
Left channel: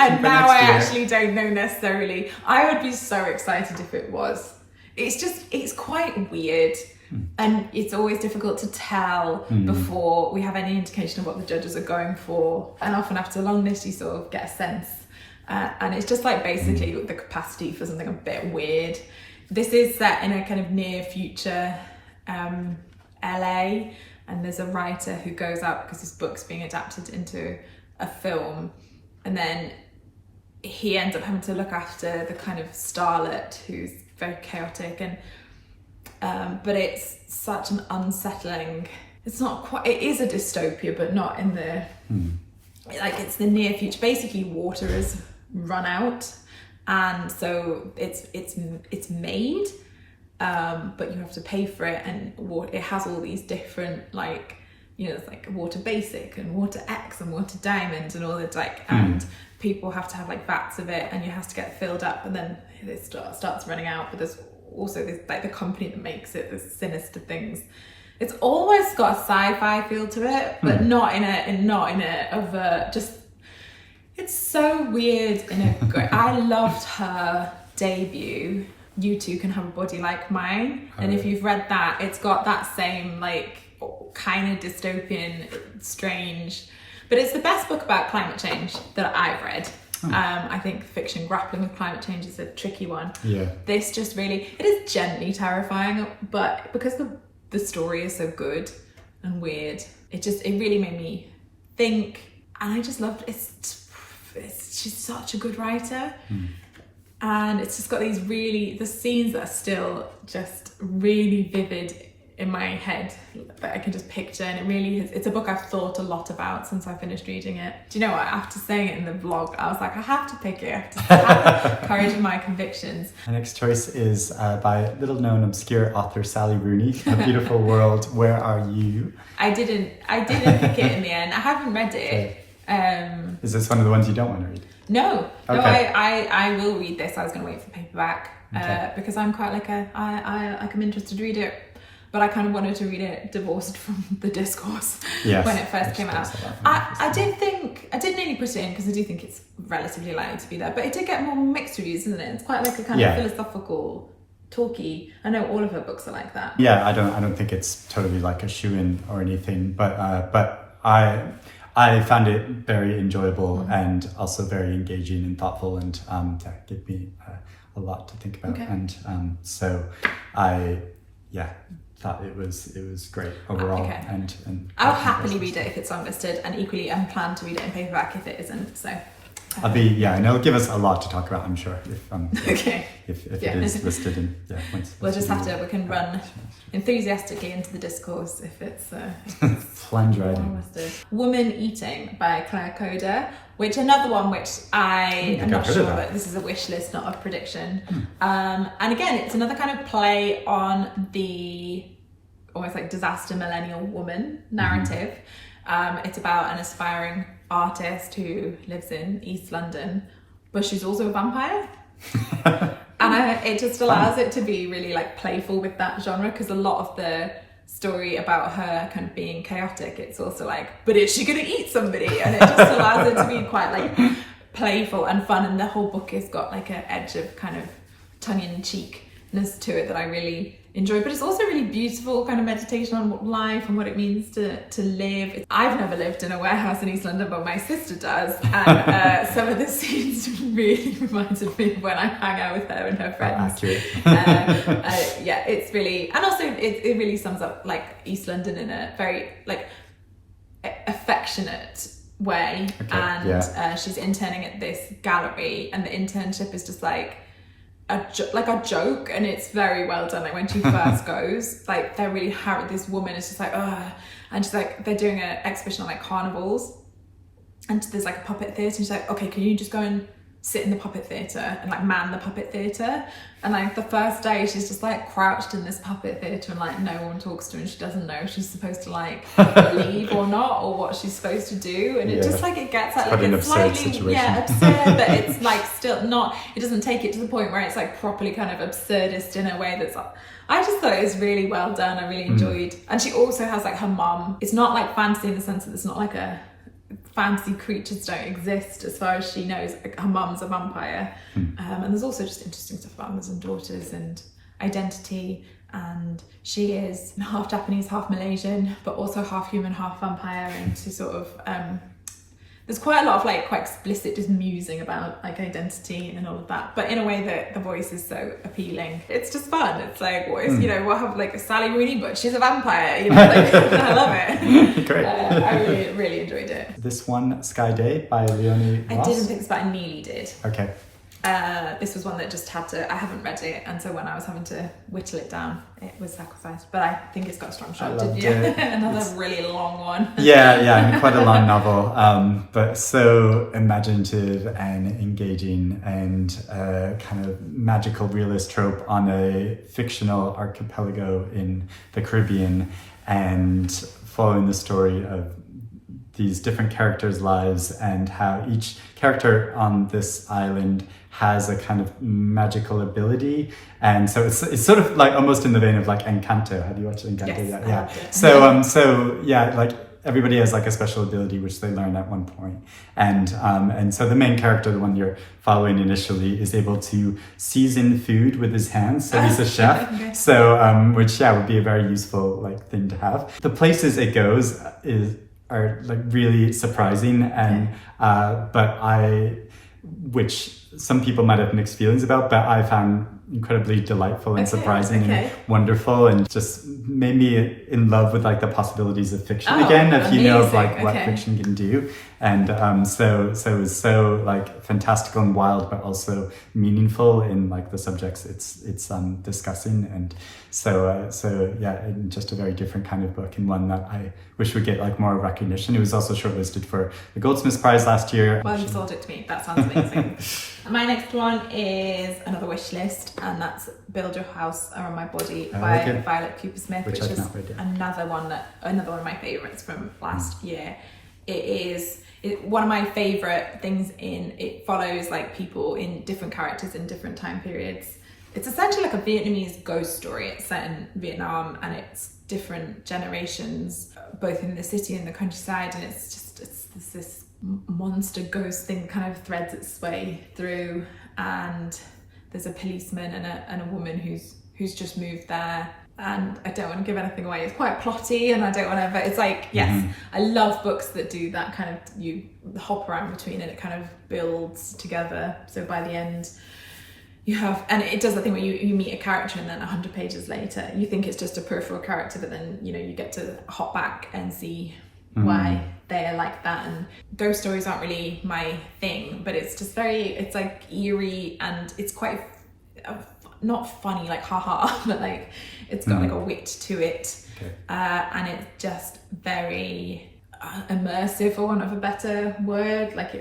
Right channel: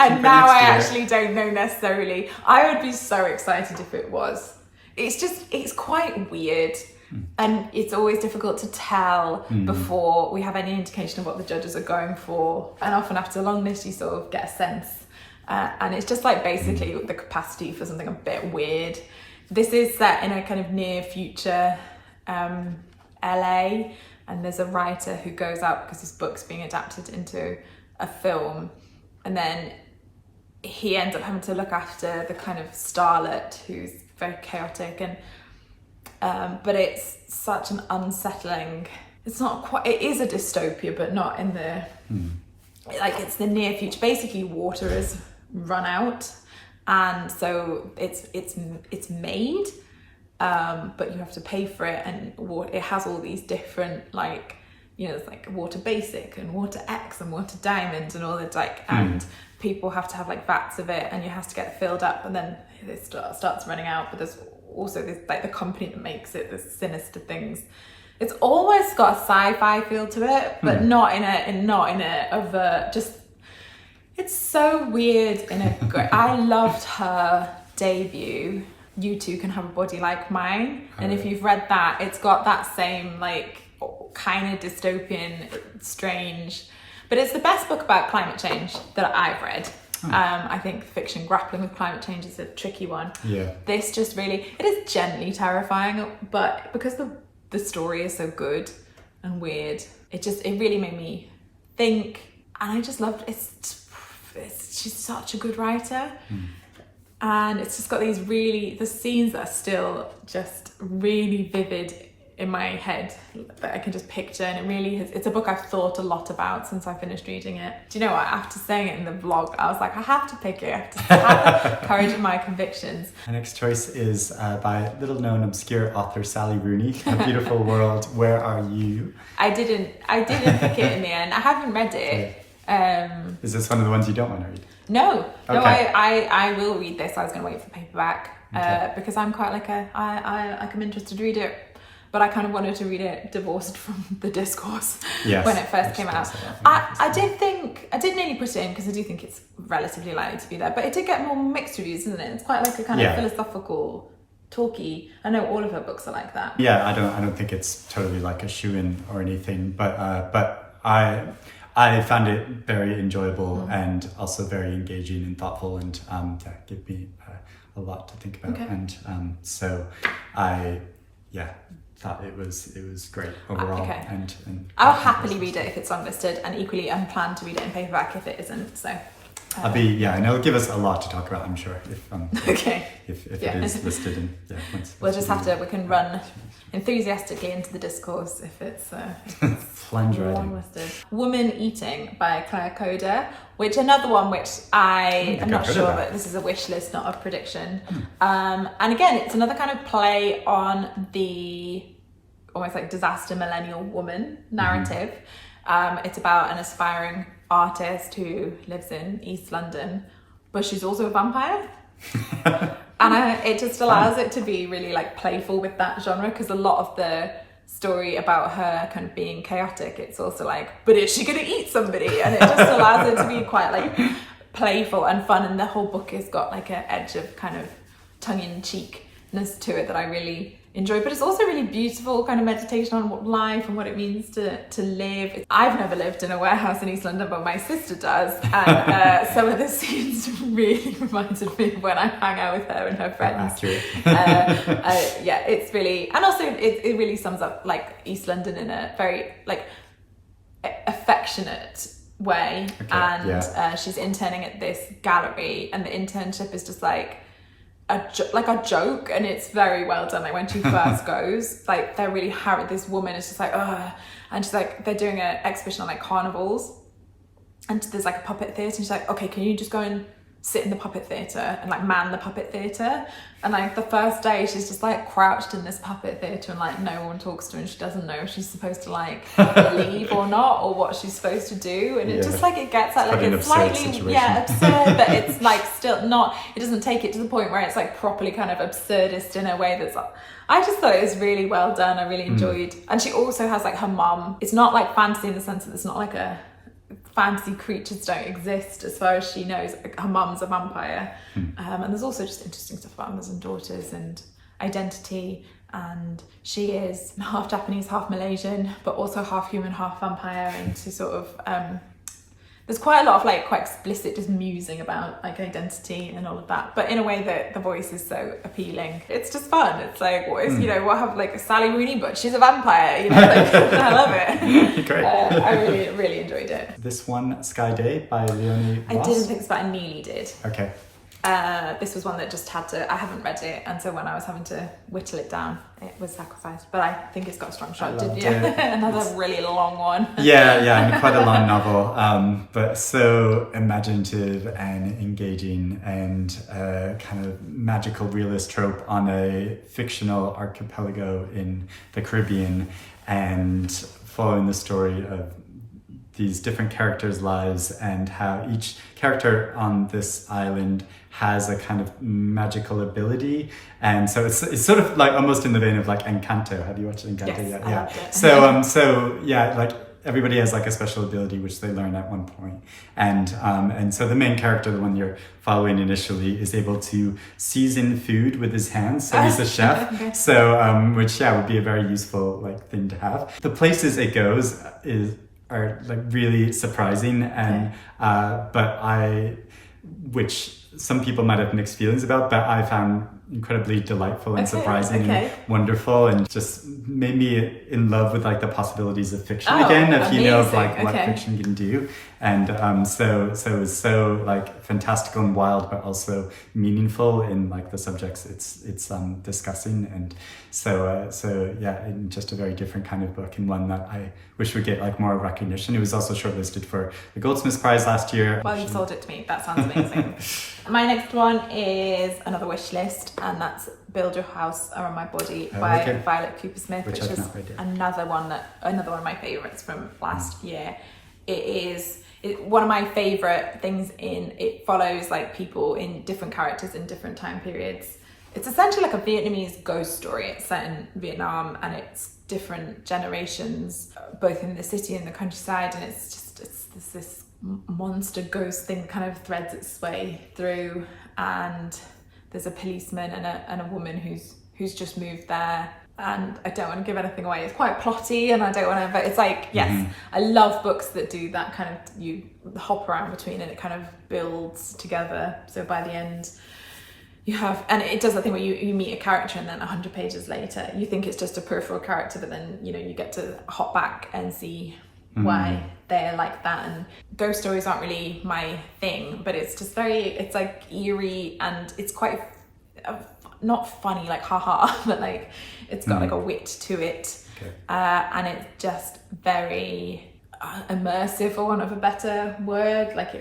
And now I actually don't know necessarily. I would be so excited if it was. It's quite weird. And it's always difficult to tell before we have any indication of what the judges are going for. And often after a long list, you sort of get a sense. And it's just like basically the capacity for something a bit weird. This is set in a kind of near future LA, and there's a writer who goes out because his book's being adapted into a film, and then he ends up having to look after the kind of starlet who's very chaotic, and but it's such an unsettling, it's not quite, it is a dystopia, but not in the like, it's the near future. Basically water is run out, and so it's made, but you have to pay for it, and it has all these different, like, you know, it's like water basic and water X and water diamond and all that, like, and people have to have like vats of it, and you have to get it filled up, and then it starts running out. But there's also this, like, the company that makes it, this sinister things. It's almost got a sci-fi feel to it, but not in a overt, just, it's so weird in a great. I loved her debut, You Two Can Have a Body Like Mine, and if you've read that, it's got that same, like, kind of dystopian, strange, but it's the best book about climate change that I've read. I think fiction grappling with climate change is a tricky one. Yeah. This just really, it is gently terrifying, but because the story is so good and weird, it really made me think, and I just loved it. She's such a good writer. And it's just got these the scenes that are still just really vivid in my head that I can just picture, and it really is, it's a book I've thought a lot about since I finished reading it. Do you know what, after saying it in the vlog, I was like, I have to pick it, I have to courage in my convictions. My next choice is by little known obscure author Sally Rooney, A Beautiful World, Where Are You? I didn't pick it in the end. I haven't read it. Okay. Is this one of the ones you don't want to read? No, okay. No, I will read this. I was going to wait for paperback because I'm quite like I'm interested to read it, but I kind of wanted to read it divorced from the discourse when it first came out. I did nearly put it in because I do think it's relatively likely to be there, but it did get more mixed reviews, isn't it? It's quite like a kind of philosophical, talky. I know all of her books are like that. Yeah, I don't think it's totally like a shoe-in or anything, but I found it very enjoyable and also very engaging and thoughtful, and gave me a lot to think about. And so I thought it was great overall. And I'll happily read it if it's unlisted, and equally I plan to read it in paperback if it isn't. So and it'll give us a lot to talk about, I'm sure, if it is listed. And we'll just have to, we can run enthusiastically into the discourse if it's plunge right in. Listed. Woman Eating by Claire Coder, which another one which I am not sure, but this is a wish list, not a prediction. And again, it's another kind of play on the almost like disaster millennial woman narrative. It's about an aspiring artist who lives in East London, but she's also a vampire. And it just allows it to be really like playful with that genre, because a lot of the story about her kind of being chaotic, it's also like, but is she gonna eat somebody? And it just allows it to be quite like playful and fun, and the whole book has got like an edge of kind of tongue-in-cheekness to it that I really enjoy. But it's also really beautiful kind of meditation on what life and what it means to live. I've never lived in a warehouse in East London, but my sister does, and some of the scenes really reminded me of when I hang out with her and her friends. It's really, and also it really sums up like East London in a very like affectionate way. She's interning at this gallery, and the internship is just like a joke, and it's very well done. Like when she first goes, like they're really harried. This woman is just like, ugh, and she's like, they're doing an exhibition on like carnivals, and there's like a puppet theatre, and she's like, okay, can you just go and sit in the puppet theatre and like man the puppet theatre? And like the first day she's just like crouched in this puppet theatre, and like no one talks to her, and she doesn't know if she's supposed to like leave or not, or what she's supposed to do. And it just like, it gets at like it's slightly absurd, but it's like still not, it doesn't take it to the point where it's like properly kind of absurdist in a way that's like, I just thought it was really well done. I really enjoyed. And she also has like her mum, it's not like fantasy in the sense that it's not like a fantasy creatures don't exist as far as she knows. Her mum's a vampire, and there's also just interesting stuff about mothers and daughters and identity, and she is half Japanese, half Malaysian, but also half human, half vampire, and to sort of there's quite a lot of like quite explicit just musing about like identity and all of that, but in a way that the voice is so appealing. It's just fun. It's like, what is, you know, we'll have like a Sally Rooney book, she's a vampire, you know, like, I love it. Great. I really, really enjoyed it. This one, Sky Day by Leonie I Ross. didn't think so, but I nearly did. Okay. This was one that just had to, I haven't read it, and so when I was having to whittle it down, it was sacrificed, but I think it's got a strong shot. Did you? Another really long one. Yeah, and quite a long novel, but so imaginative and engaging, and kind of magical realist trope on a fictional archipelago in the Caribbean, and following the story of these different characters' lives and how each character on this island has a kind of magical ability. And so it's sort of like almost in the vein of like Encanto. Have you watched Encanto yet? I Yeah. loved it. So yeah, like everybody has like a special ability which they learn at one point. And so the main character, the one you're following initially, is able to season food with his hands. So he's a chef. So which would be a very useful like thing to have. The places it goes are like really surprising, and which some people might have mixed feelings about, but I found incredibly delightful and surprising and wonderful, and just made me in love with like the possibilities of fiction again, if you know of like what fiction can do. And so it was so like fantastical and wild, but also meaningful in like the subjects it's discussing. And so yeah, just a very different kind of book, and one that I wish would get like more recognition. It was also shortlisted for the Goldsmiths Prize last year. Well, you sold it to me. That sounds amazing. My next one is another wish list, and that's Build Your House Around My Body by Violet Cooper-Smith, which is another one of my favorites from last year. It's one of my favorite things it follows like people in different characters in different time periods. It's essentially like a Vietnamese ghost story. It's set in Vietnam, and it's different generations, both in the city and the countryside, and it's this monster ghost thing kind of threads its way through, and there's a policeman and a woman who's just moved there. And I don't want to give anything away. It's quite plotty, and I don't want to, but it's like, yes, I love books that do that kind of, you hop around between and it kind of builds together. So by the end, you have, and it does the thing where you meet a character, and then 100 pages later, you think it's just a peripheral character, but then, you know, you get to hop back and see why they're like that. And ghost stories aren't really my thing, but it's just it's like eerie, and it's quite not funny, like haha, but like it's got like a wit to it. And it's just very immersive, for want of a better word. Like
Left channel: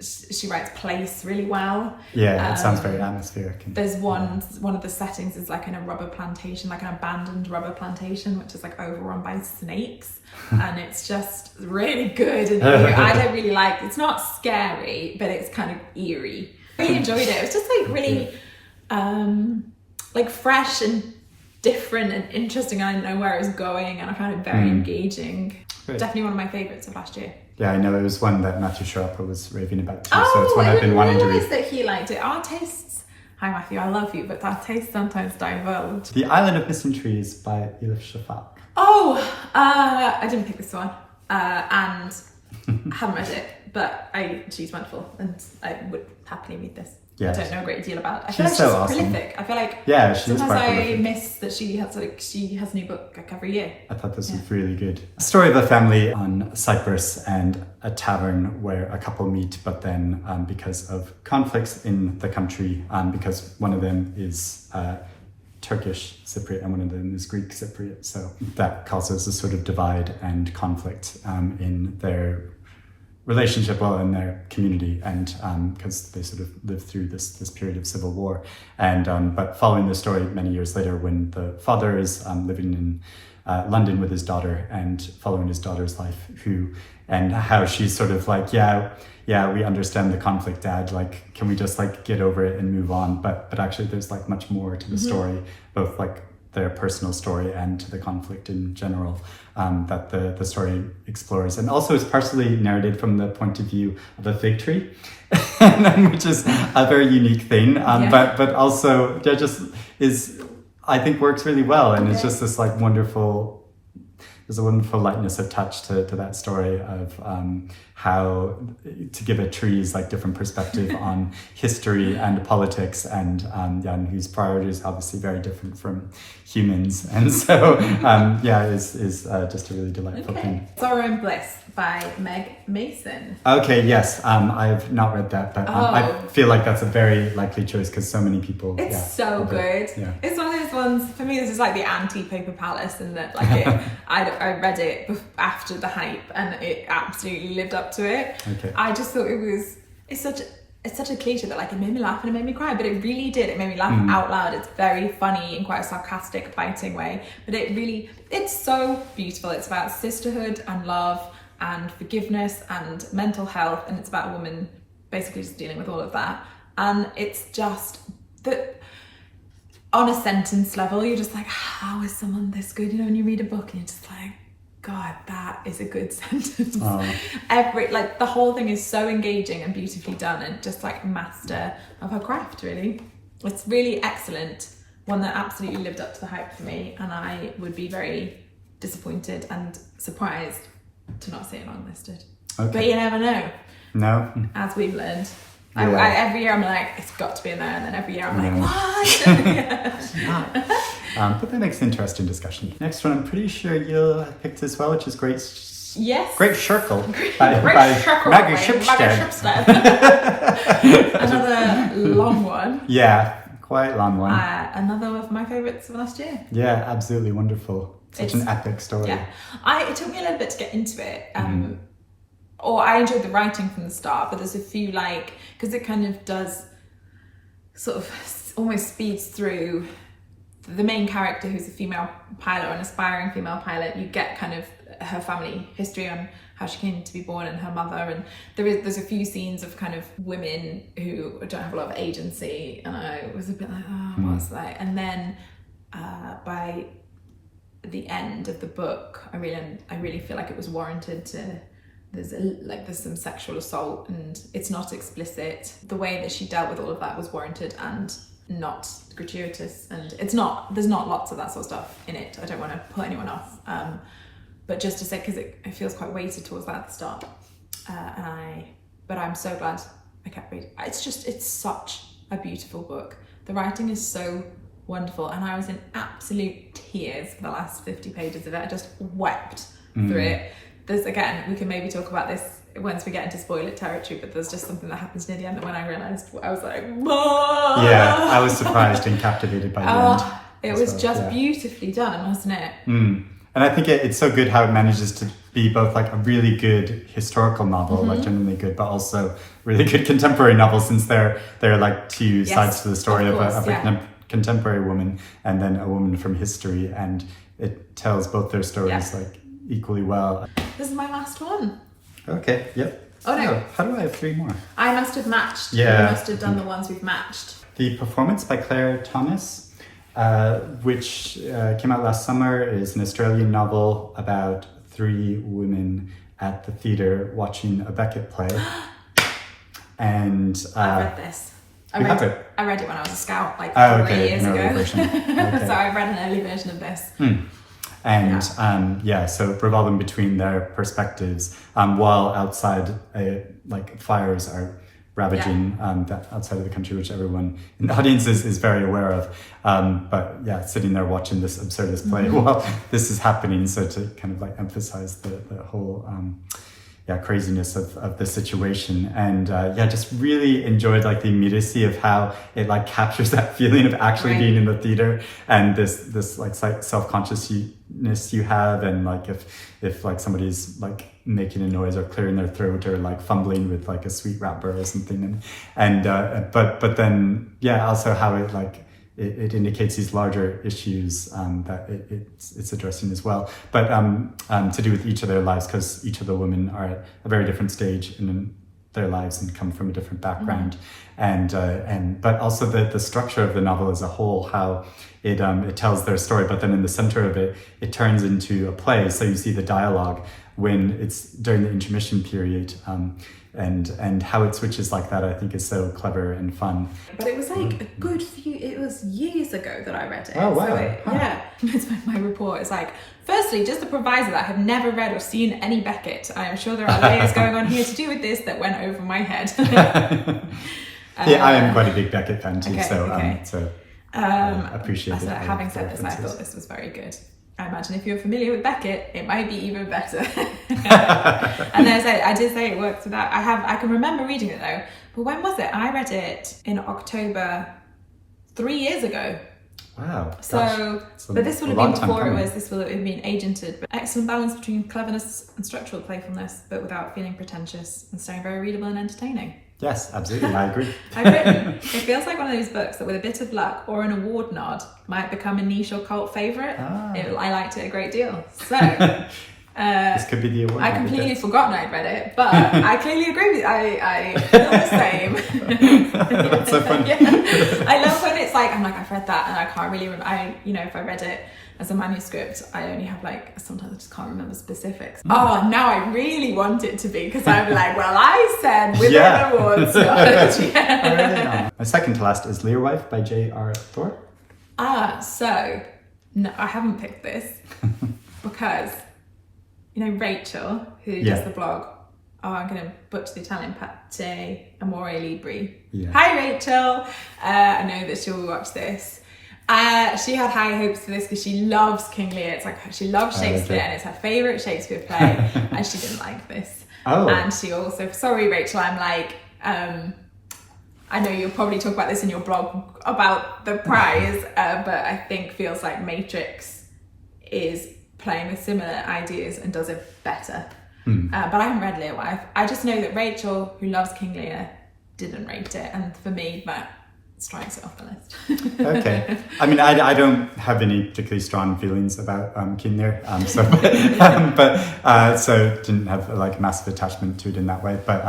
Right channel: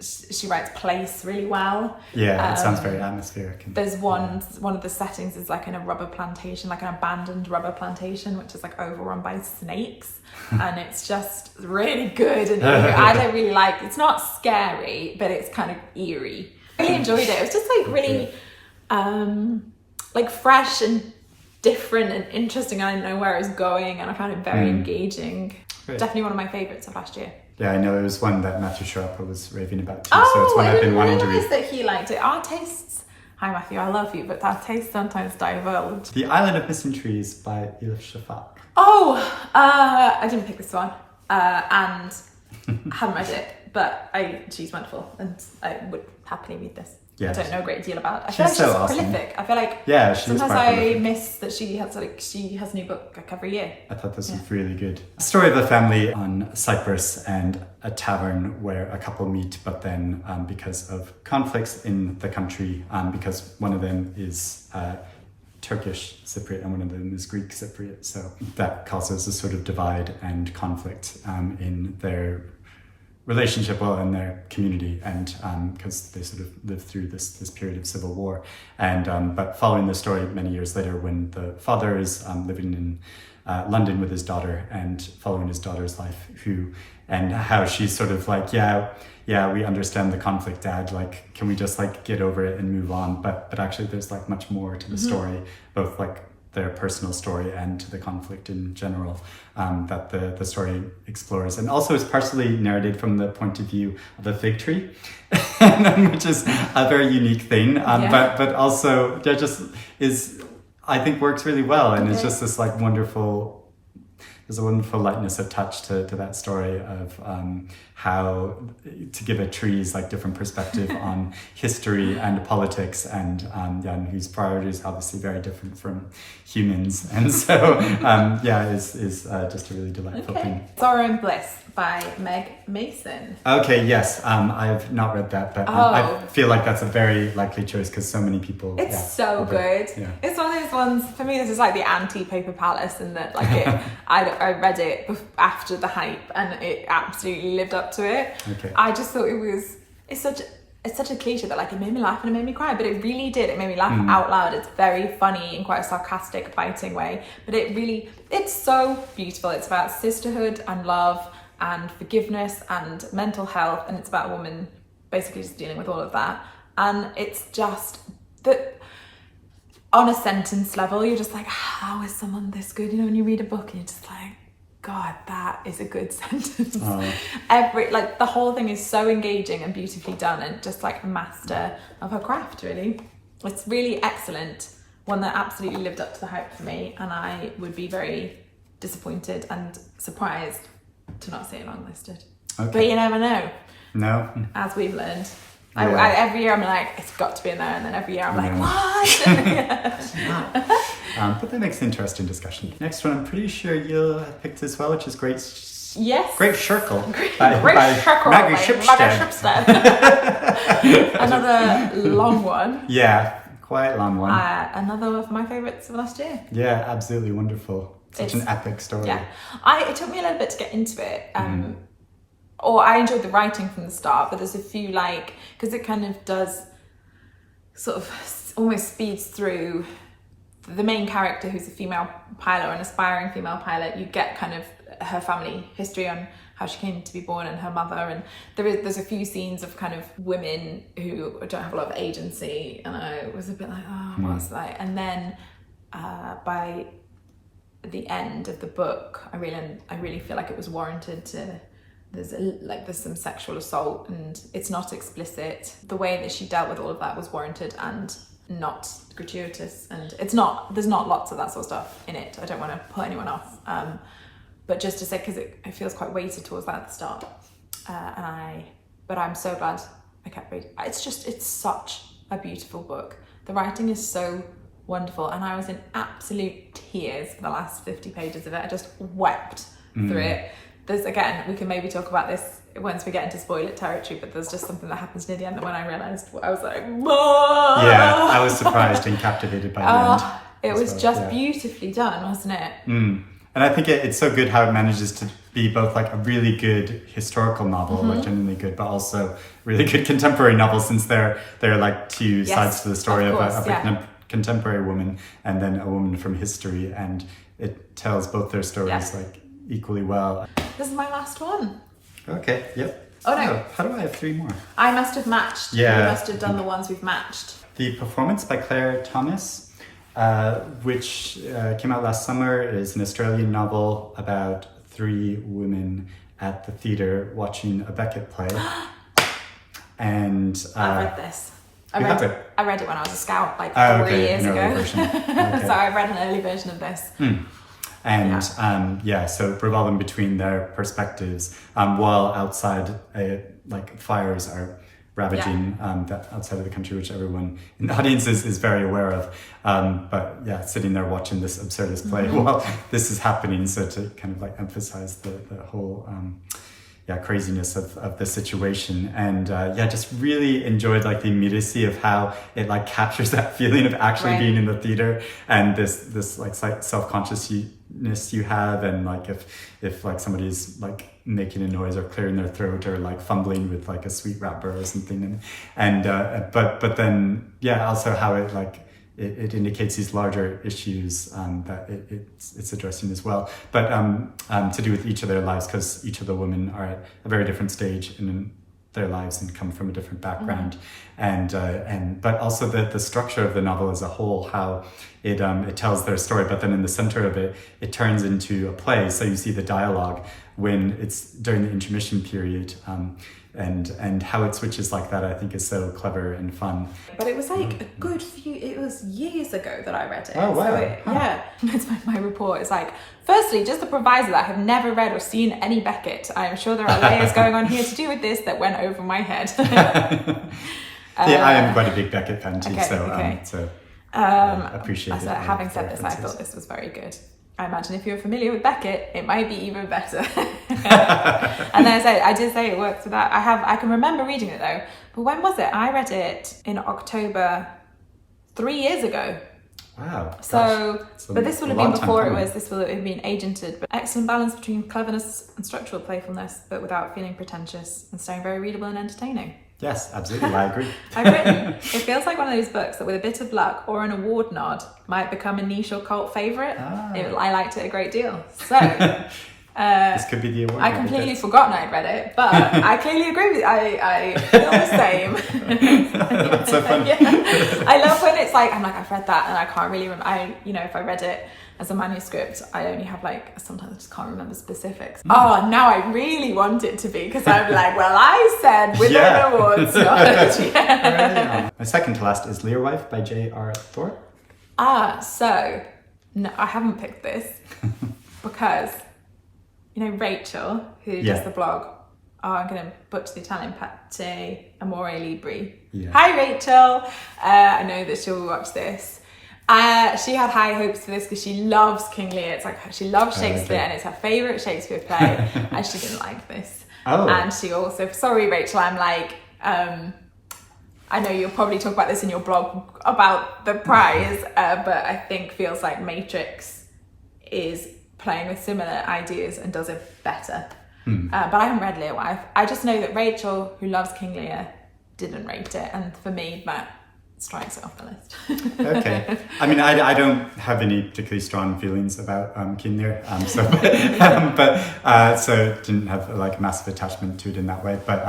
she writes place really well. Yeah, it sounds very atmospheric. There's one of the settings is like in a rubber plantation, like an abandoned rubber plantation, which is like overrun by snakes. And it's just really good. And I don't really like, it's not scary, but it's kind of eerie. I really enjoyed it. It was just like really like fresh and different and interesting. I didn't know where it was going, and I found it very engaging. Great. Definitely one of my favourites of last year. Yeah, I know it was one that Matthew Sharper was raving about too, so it's one I've been wanting to read. That he liked it. Our tastes, hi Matthew, I love you, but our tastes sometimes diverge. The Island of Missing Trees by Elif Shafak. I didn't pick this one, and I haven't read it, but she's wonderful, and I would happily read this. Yeah. I don't know a great deal about. I feel like she's so awesome. Prolific. I feel like sometimes I miss that she has a new book like every year. I thought this was really good. A story of a family on Cyprus and a tavern where a couple meet, but then because of conflicts in the country, because one of them is Turkish Cypriot and one of them is Greek Cypriot, so that causes a sort of divide and conflict in their relationship, in their community, and because they sort of lived through this period of civil war, and but following the story many years later, when the father is living in London with his daughter and following his daughter's life, and how she's sort of like, yeah, we understand the conflict, Dad, like, can we just like get over it and move on? But actually there's like much more to the story, both like their personal story and to the conflict in general, that the story explores. And also it's partially narrated from the point of view of a fig tree, which is a very unique thing, but also just is, I think, works really well. And it's just this like wonderful, there's a wonderful lightness of touch to that story of how to give a tree's like different perspective on history and politics, and whose priorities are obviously very different from humans, and so is just a really delightful thing. Sorrow and Bliss by Meg Mason. Okay, yes, I've not read that, but I feel like that's a very likely choice because so many people. It's so good. Yeah. It's one of those ones, for me, this is like the anti-Paper Palace, in that like I read it after the hype and it absolutely lived up to it. Okay. I just thought it's such a cliche that like it made me laugh and it made me cry, but it really did. It made me laugh out loud. It's very funny in quite a sarcastic, biting way, but it's so beautiful. It's about sisterhood and love and forgiveness and mental health, and it's about a woman basically just dealing with all of that. And it's just that on a sentence level, you're just like, how is someone this good? You know, when you read a book and you're just like, God, that is a good sentence. The whole thing is so engaging and beautifully done, and just like a master of her craft, really. It's really excellent. One that absolutely lived up to the hype for me, and I would be very disappointed and surprised to not see it longlisted. Okay. But you never know. No. As we've learned. Yeah. Every year I'm like, it's got to be in there, and then every year I'm like, what? But that makes an interesting discussion. Next one, I'm pretty sure you'll have picked as well, which is Great Circle by Maggie Shipstead. Another long one. Yeah, quite long one. Another of my favourites of last year. Yeah, absolutely wonderful. Such an epic story. Yeah, it took me a little bit to get into it. Or I enjoyed the writing from the start, but there's a few because it kind of does sort of almost speeds through the main character, who's a female pilot, or an aspiring female pilot. You get kind of her family history on how she came to be born and her mother, and there's a few scenes of kind of women who don't have a lot of agency, and I was a bit like, what's that? And then by the end of the book, I really feel like it was warranted there's some sexual assault, and it's not explicit. The way that she dealt with all of that was warranted and not gratuitous, and there's not lots of that sort of stuff in it. I don't want to put anyone off, but just to say, because it feels quite weighted towards that at the start, but I'm so glad I kept reading. It's such a beautiful book. The writing is so wonderful, and I was in absolute tears for the last 50 pages of it. I just wept through it. Again, we can maybe talk about this once we get into spoiler territory, but there's just something that happens near the end that when I realised, I was like, whoa! Yeah, I was surprised and captivated by the end. It was just beautifully done, wasn't it? And I think it's so good how it manages to be both like a really good historical novel, like genuinely good, but also really good contemporary novel, since they're like two sides to the story of a contemporary woman and then a woman from history, and it tells both their stories like equally well. This is my last one. Okay, yep. Oh no. How do I have 3 more? I must have matched. Yeah. You must have done the ones we've matched. The Performance by Claire Thomas, which came out last summer, is an Australian novel about 3 women at the theatre watching a Beckett play. And I read this. I read it when I was a scout, 4 years ago. Version. Okay. So I read an early version of this. And so revolving between their perspectives, while outside, fires are ravaging outside of the country, which everyone in the audience is very aware of. But sitting there watching this absurdist play while this is happening, so to kind of emphasize the whole craziness of the situation, and just really enjoyed the immediacy of how it captures that feeling of actually being in the theater, and this self-consciousness you have, and if somebody's making a noise or clearing their throat or fumbling with a sweet wrapper or something, but then also how it indicates these larger issues that it's addressing as well, but to do with each of their lives, because each of the women are at a very different stage in their lives and come from a different background, but also the structure of the novel as a whole, how it tells their story, but then in the center of it turns into a play. So you see the dialogue when it's during the intermission period. and how it switches like that, I think, is so clever and fun. But it was like a good few, it was years ago that I read it. Oh, wow. So yeah. My report is like, firstly, just a proviso that I have never read or seen any Beckett. I am sure there are layers going on here to do with this that went over my head. Yeah, I am quite a big Beckett fan too, so I appreciate it. Having said this, I thought this was very good. I imagine if you're familiar with Beckett, it might be even better. And then I did say it works for that. I can remember reading it though, but when was it? I read it in October 3 years ago. Wow. So, but this would have been before this would have been agented. But excellent balance between cleverness and structural playfulness, but without feeling pretentious and staying very readable and entertaining. Yes, absolutely, I agree. It feels like one of those books that with a bit of luck or an award nod might become a niche or cult favourite. I liked it a great deal. So this could be the award. I completely forgotten I'd read it, but I clearly agree with I feel the same. That's so funny. Yeah. I love when it's like, I'm like, I've read that and I can't really remember. If I read it as a manuscript, I only have sometimes I just can't remember specifics. Oh, now I really want it to be, because I'm like, well, I said with an award slot. My second to last is Learwife by J.R. Thorpe. So no, I haven't picked this because Rachel, who does the blog, I'm going to butcher the Italian, Pate Amore Libri. Yeah. Hi Rachel, I know that she'll watch this. She had high hopes for this because she loves King Lear. It's like she loves Shakespeare and it's her favourite Shakespeare play, and she didn't like this. And she also, sorry Rachel, I'm like, I know you'll probably talk about this in your blog about the prize, but I think feels like Matrix is playing with similar ideas and does it better. But I haven't read Learwife. I just know that Rachel, who loves King Lear, didn't rate it, and for me that strikes it off the list. Okay. I mean, I don't have any particularly strong feelings about King Lear, so didn't have a massive attachment to it in that way. But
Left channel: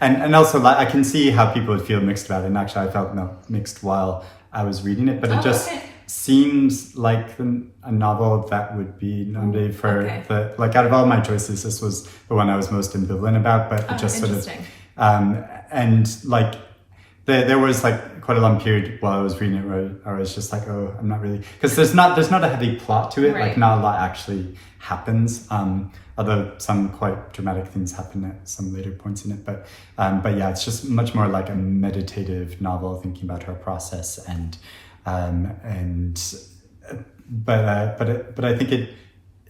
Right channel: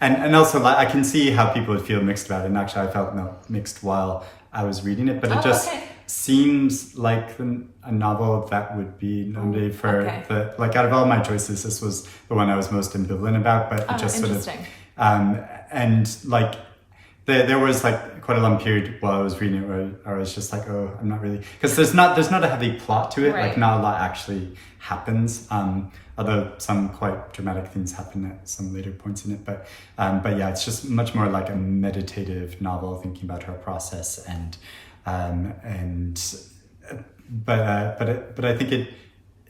and also I can see how people would feel mixed about it. And actually, I felt mixed while I was reading it, but it just seems like a novel that would be nominated for out of all my choices, this was the one I was most ambivalent about. But it just sort of there was quite a long period while I was reading it where I was just like, oh, I'm not really, because there's not a heavy plot to it. Not a lot actually happens. Although some quite dramatic things happen at some later points in it. But yeah, it's just much more like a meditative novel, thinking about her process but I think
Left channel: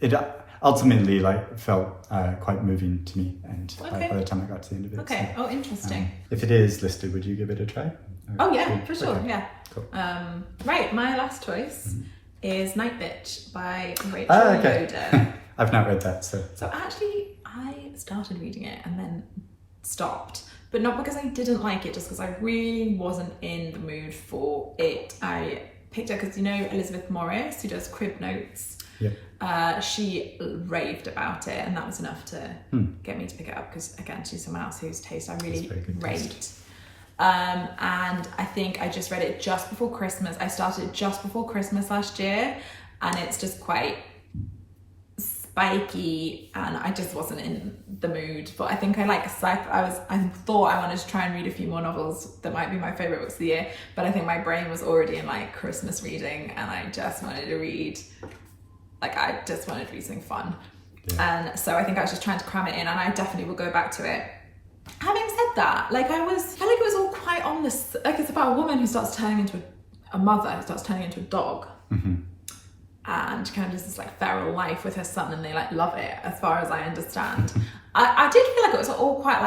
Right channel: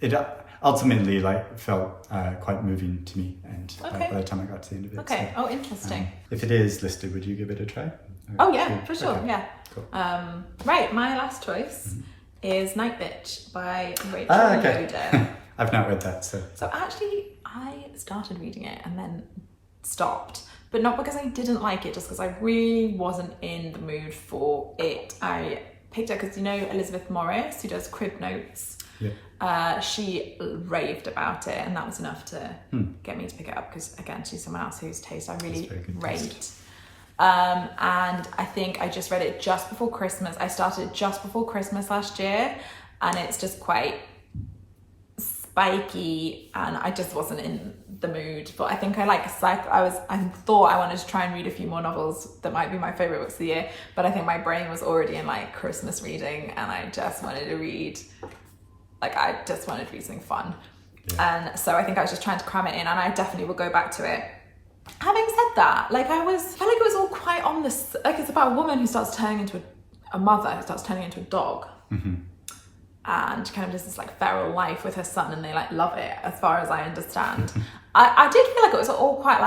it ultimately felt quite moving to me, and by the time I got to the end of it. So, interesting. If it is listed, would you give it a try? For sure. Okay. Yeah. Cool. Right, my last choice is Night Bitch by Rachel Lloyd. I've not read that, so actually I started reading it and then stopped, but not because I didn't like it, just because I really wasn't in the mood for it. I picked it because Elizabeth Morris, who does Crib Notes. She raved about it, and that was enough to get me to pick it up, because again, she's someone else whose taste I really rate. And I think I just read it just before Christmas. I started it just before Christmas last year, and it's just quite spiky, and I just wasn't in the mood. But I think I thought I wanted to try and read a few more novels that might be my favourite books of the year, but I think my brain was already in Christmas reading, and I just wanted to read something fun. And so I think I was just trying to cram it in, and I definitely will go back to it. Having said that, I felt like it was all quite on this, it's about a woman who starts turning into a mother, who starts turning into a dog. And kind of just this feral life with her son, and they love it, as far as I understand. I did feel like it was all quite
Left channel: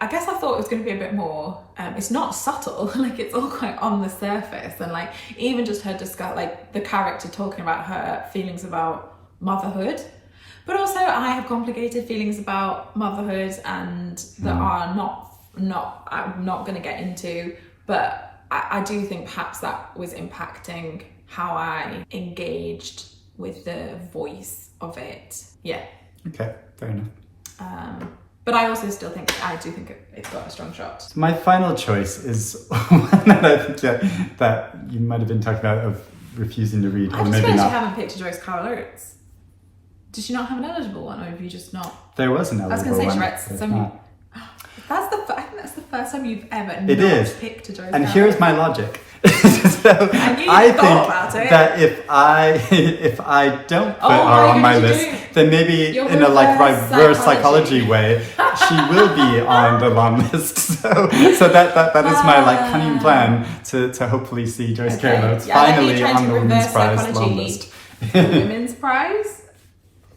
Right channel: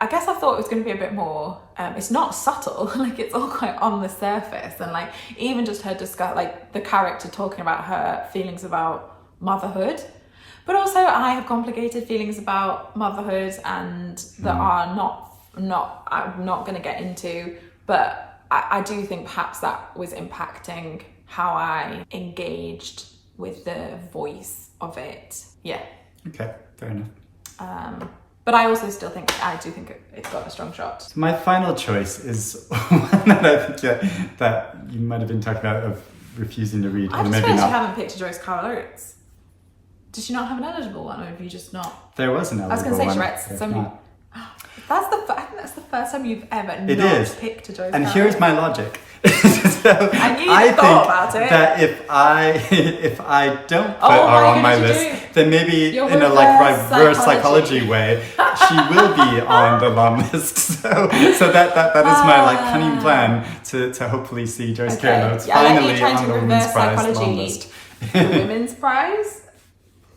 I guess I thought it was going to be a bit more, it's not subtle, it's all quite on the surface, and even just her discuss, the character talking about her feelings about motherhood. But also I have complicated feelings about motherhood, and that are I'm not going to get into, but I do think perhaps that was impacting how I engaged with the voice of it. Yeah. Okay, fair enough. But I also still think, it's got a strong shot. My final choice is one that I think that you might have been talking about, of refusing to read, or maybe not. You haven't picked a Joyce Carol Oates. Did she not have an eligible one, or have you just not? There was an eligible one. I was going to say she read some. I think that's the first time you've ever picked a Joyce And Carol. here's my logic. So I think that if I don't put her on my list, then maybe in a like reverse psychology way, she will be on the long list. So that is my like cunning plan to hopefully see Joyce Carol Oates finally on the Women's Prize long list. The Women's Prize?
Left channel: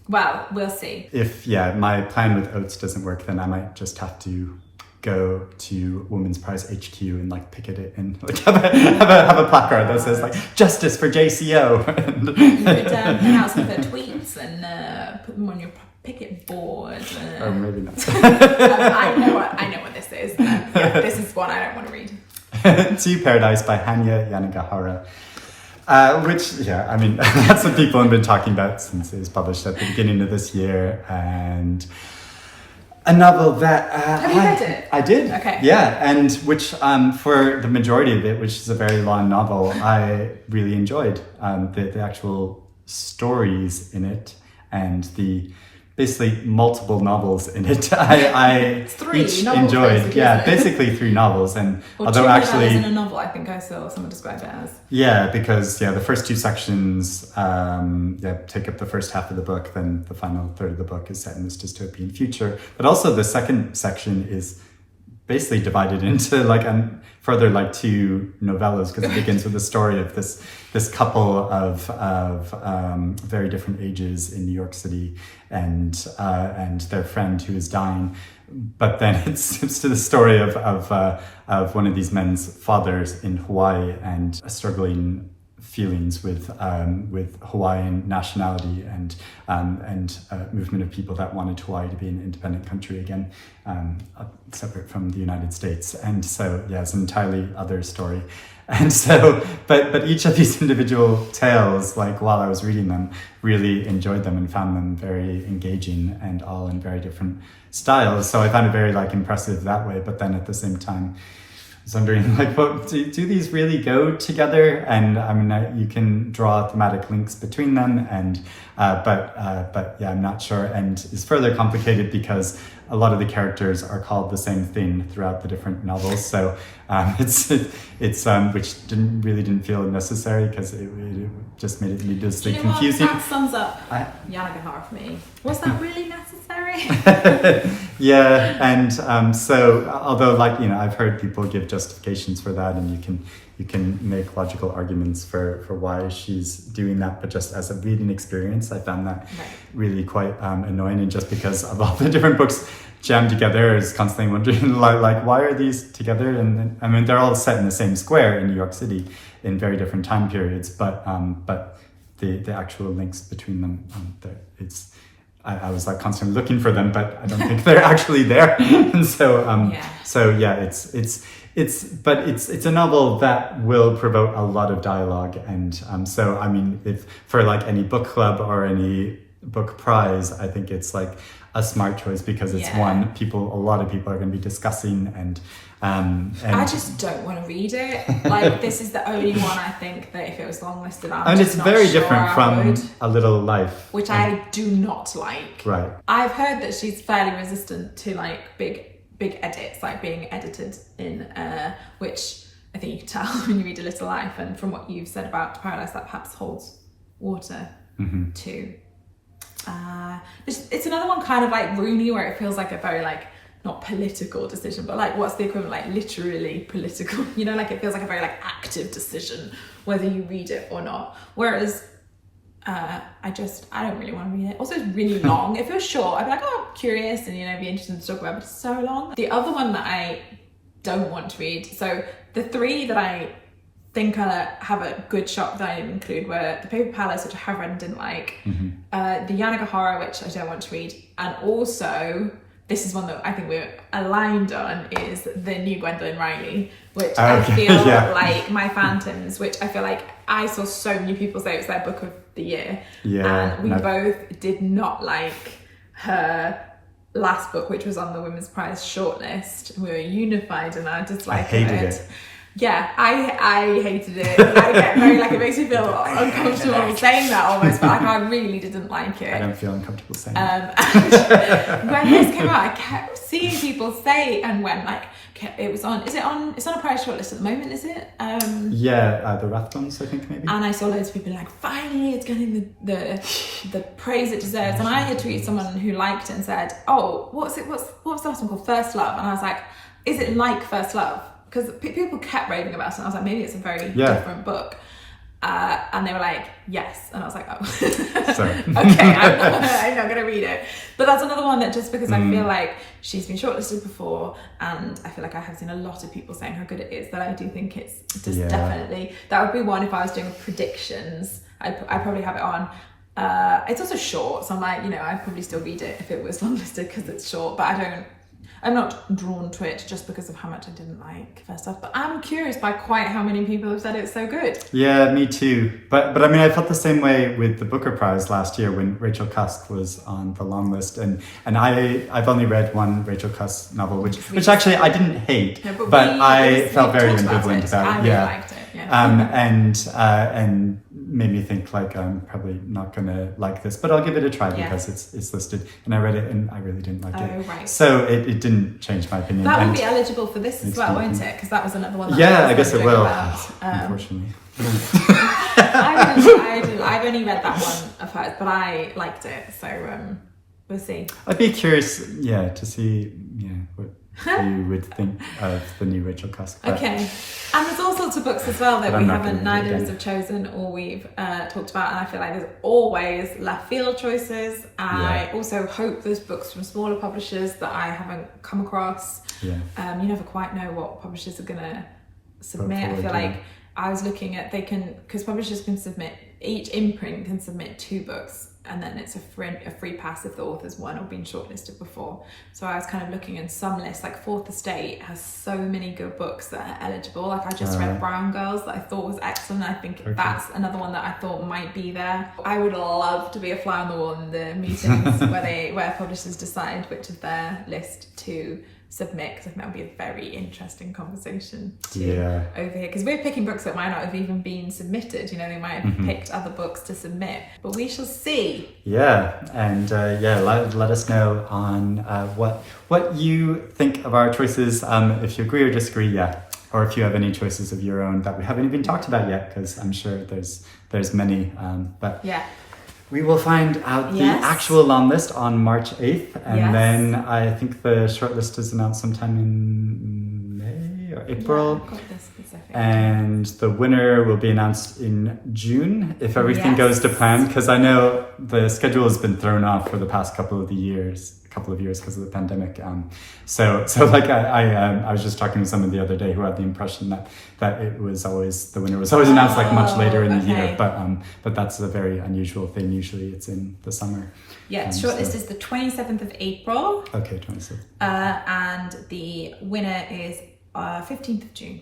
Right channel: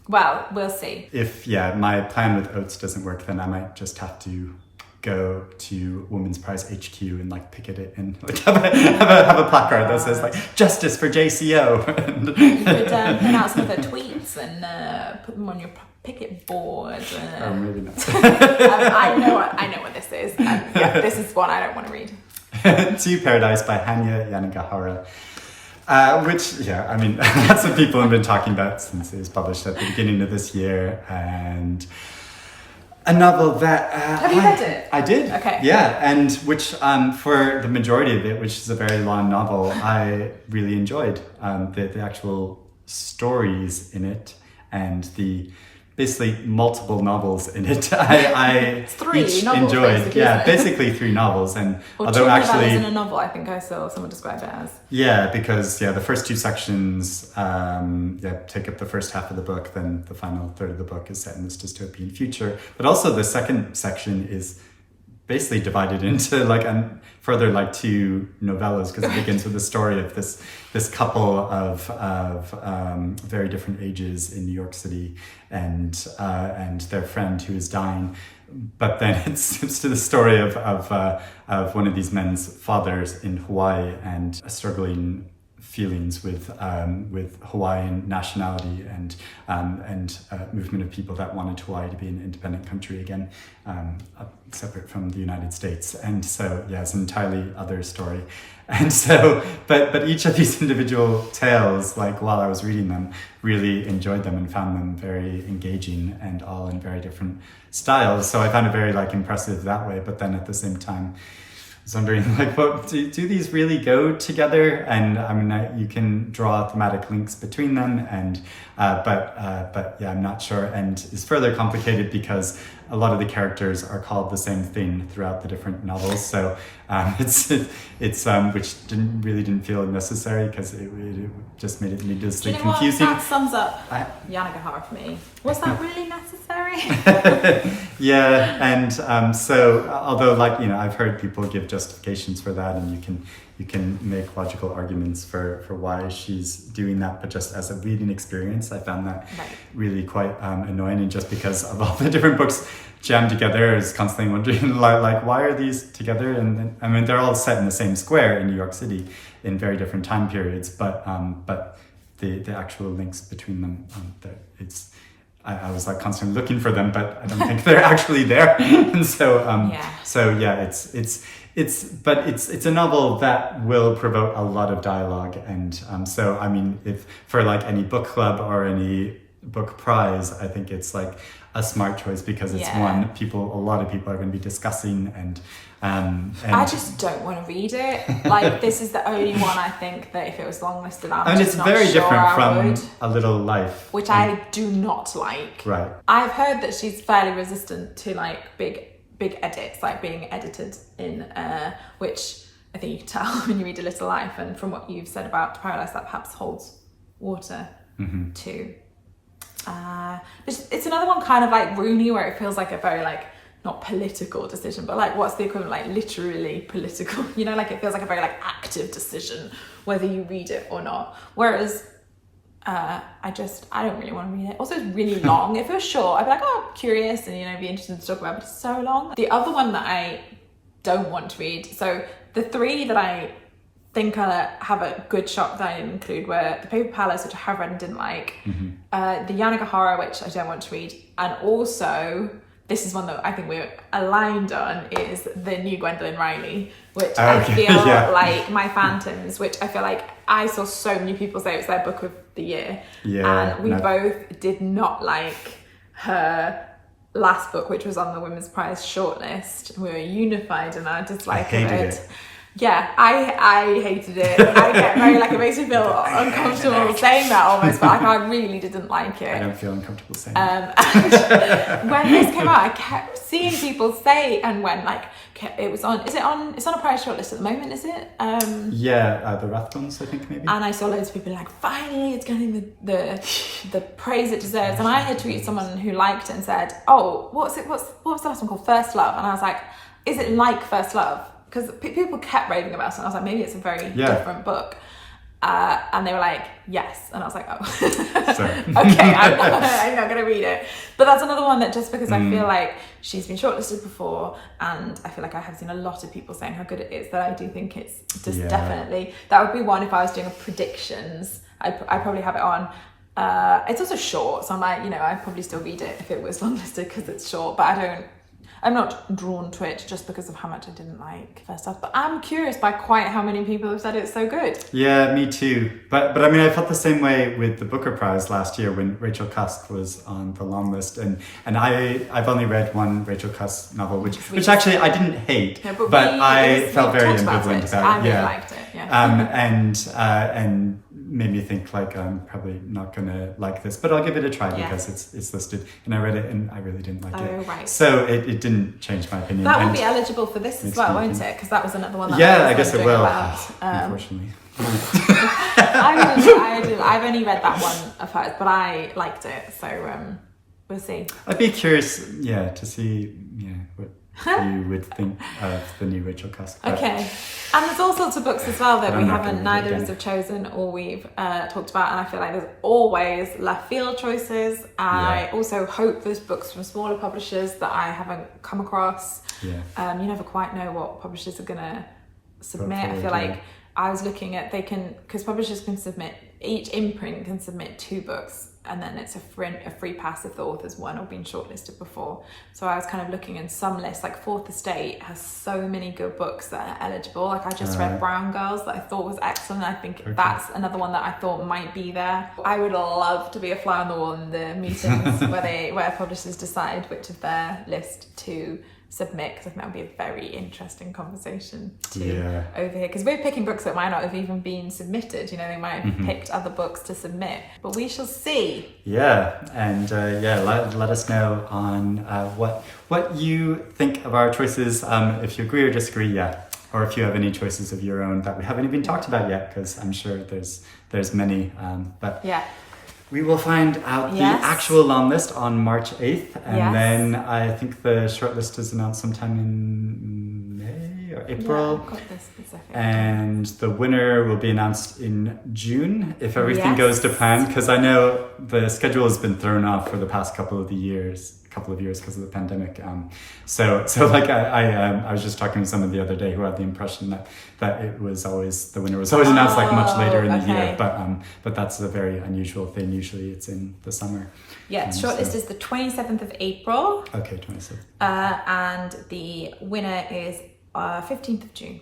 Well, we'll see. If my plan with Oates doesn't work, then I might just have to go to Women's Prize HQ and like picket it and like have a placard that says like justice for JCO. You could print out some of their tweets and put them on your picket board. Or maybe not. I know what this is. This is one I don't want to read. To Paradise by Hanya Yanagihara. Which, I mean, lots of people have been talking about since it was published at the beginning of this year, and a novel that have you read it? I did. Okay. Yeah, and which for the majority of it, which is a very long novel, I really enjoyed the actual stories in it and the basically multiple novels in it. I each enjoyed. Basically 3 novels, and although actually in a novel, I think I saw someone describe it as. Yeah, because the first 2 sections take up the first half of the book, then the final third of the book is set in this dystopian future. But also the second section is basically divided into like further like 2 novellas, because it begins with the story of this couple of very different ages in New York City and their friend who is dying. But then it's to the story of one of these men's fathers in Hawaii and struggling feelings with Hawaiian nationality and movement of people that wanted Hawaii to be an independent country again, separate from the United States. And so it's an entirely other story. And so, but each of these individual tales, like while I was reading them, really enjoyed them and found them very engaging and all in very different styles. So I found it very like impressive that way. But then at the same time, I was wondering like, do these really go together? And I mean, you can draw thematic links between them, and but I'm not sure. And it's further complicated because a lot of the characters are called the same thing throughout the different novels. So it's which didn't feel necessary because it just made it needlessly confusing. That sums up Yanagihara for me. Was that really necessary? Yeah, and so although like I've heard people give justifications for that, and you can make logical arguments for why she's doing that, but just as a reading experience, I found that really quite annoying. And just because of all the different books jammed together, is constantly wondering like why are these together? And I mean, they're all set in the same square in New York City in very different time periods, but the actual links between them, I was like constantly looking for them, but I don't think they're actually there. And so it's a novel that will provoke a lot of dialogue, and so I mean, if for like any book club or any book prize, I think it's like a smart choice because it's a lot of people are going to be discussing, and I just don't want to read it. Like, this is the only one I think that if it was longlisted, and it's very different from A Little Life, which I do not like. Right. I've heard that she's fairly resistant to like big edits, like being edited in, which I think you can tell when you read A Little Life, and from what you've said about Paradise, that perhaps holds water too. It's another one kind of like Rooney, where it feels like a very like not political decision, but like what's the equivalent, like literally political, like it feels like a very like active decision whether you read it or not. Whereas I don't really want to read it. Also, it's really long. If it was short, I'd be like, oh, curious, and be interested to talk about, but it's so long. The other one that I don't want to read, so the 3 that I think have a good shot that I include were The Paper Palace, which I have read and didn't like, the Yanagihara, which I don't want to read, and also this is one that I think we're aligned on, is the new Gwendolyn Riley, which I feel like My Phantoms, which I feel like I saw so many people say it's their book of the year, and we both did not like her last book, which was on the Women's Prize shortlist. We were unified in our dislike of it. Yeah, I hated it. I get very, like, it makes me feel uncomfortable saying that almost, but like, I really didn't like it. I don't feel uncomfortable saying it. And when this came out, I kept seeing people say, and when, like, it was on, it's on a prize shortlist at the moment, is it? The Rathbones, I think, maybe. And I saw loads of people like, finally, it's getting the praise it deserves. And I had tweeted someone who liked it and said, oh, what's the last one called? First Love. And I was like, is it like First Love? Because people kept raving about it, and I was like, maybe it's a very different book. And they were like, yes. And I was like, oh, okay, I'm not going to read it. But that's another one that, just because I feel like she's been shortlisted before, and I feel like I have seen a lot of people saying how good it is, that I do think it's just definitely, that would be one if I was doing a predictions. I'd probably have it on. It's also short, so I'm like, I'd probably still read it if it was longlisted because it's short, but I'm not drawn to it just because of how much I didn't like First Love, but I'm curious by quite how many people have said it's so good. Yeah, me too. But I mean, I felt the same way with the Booker Prize last year when Rachel Cusk was on the long list, and I've only read one Rachel Cusk novel, which actually I didn't hate, but I felt very ambivalent about it. I really liked it. Yeah. And made me think like I'm probably not gonna like this, but I'll give it a try because it's listed, and I read it and I really didn't like it. Right. So it didn't change my opinion. That will be eligible for this as well, won't it? Because that was another one. I guess it will. Unfortunately. I've only read that one of hers, but I liked it, so we'll see. I'd be curious, to see, what you would think of the new Rachel Cusk. Okay, and there's all sorts of books as well that neither of us have chosen or we've talked about, and I feel like there's always left field choices. I also hope there's books from smaller publishers that I haven't come across. You never quite know what publishers are gonna submit. I feel like I was looking at, because publishers can submit, each imprint can submit 2 books, and then it's a free pass if the author's won or been shortlisted before. So I was kind of looking in some lists, like Fourth Estate has so many good books that are eligible. Like I just read Brown Girls that I thought was excellent. I think that's another one that I thought might be there. I would love to be a fly on the wall in the meetings where publishers decide which of their list to submit, because I think that would be a very interesting conversation to overhear, because we're picking books that might not have even been submitted. They might have picked other books to submit, but we shall see. And let us know on what you think of our choices, if you agree or disagree, or if you have any choices of your own that we haven't even talked about yet, because I'm sure there's many, but we will find out the actual long list on March 8th, and then I think the shortlist is announced sometime in May or April. And the winner will be announced in June if everything goes to plan, because I know the schedule has been thrown off for the past couple of years because of the pandemic. So like I was just talking to someone the other day who had the impression that it was always, the winner was always announced like much later in the year, but that's a very unusual thing. Usually it's in the summer. Shortlist is the 27th of April. Okay, 27th. And the winner is 15th of June.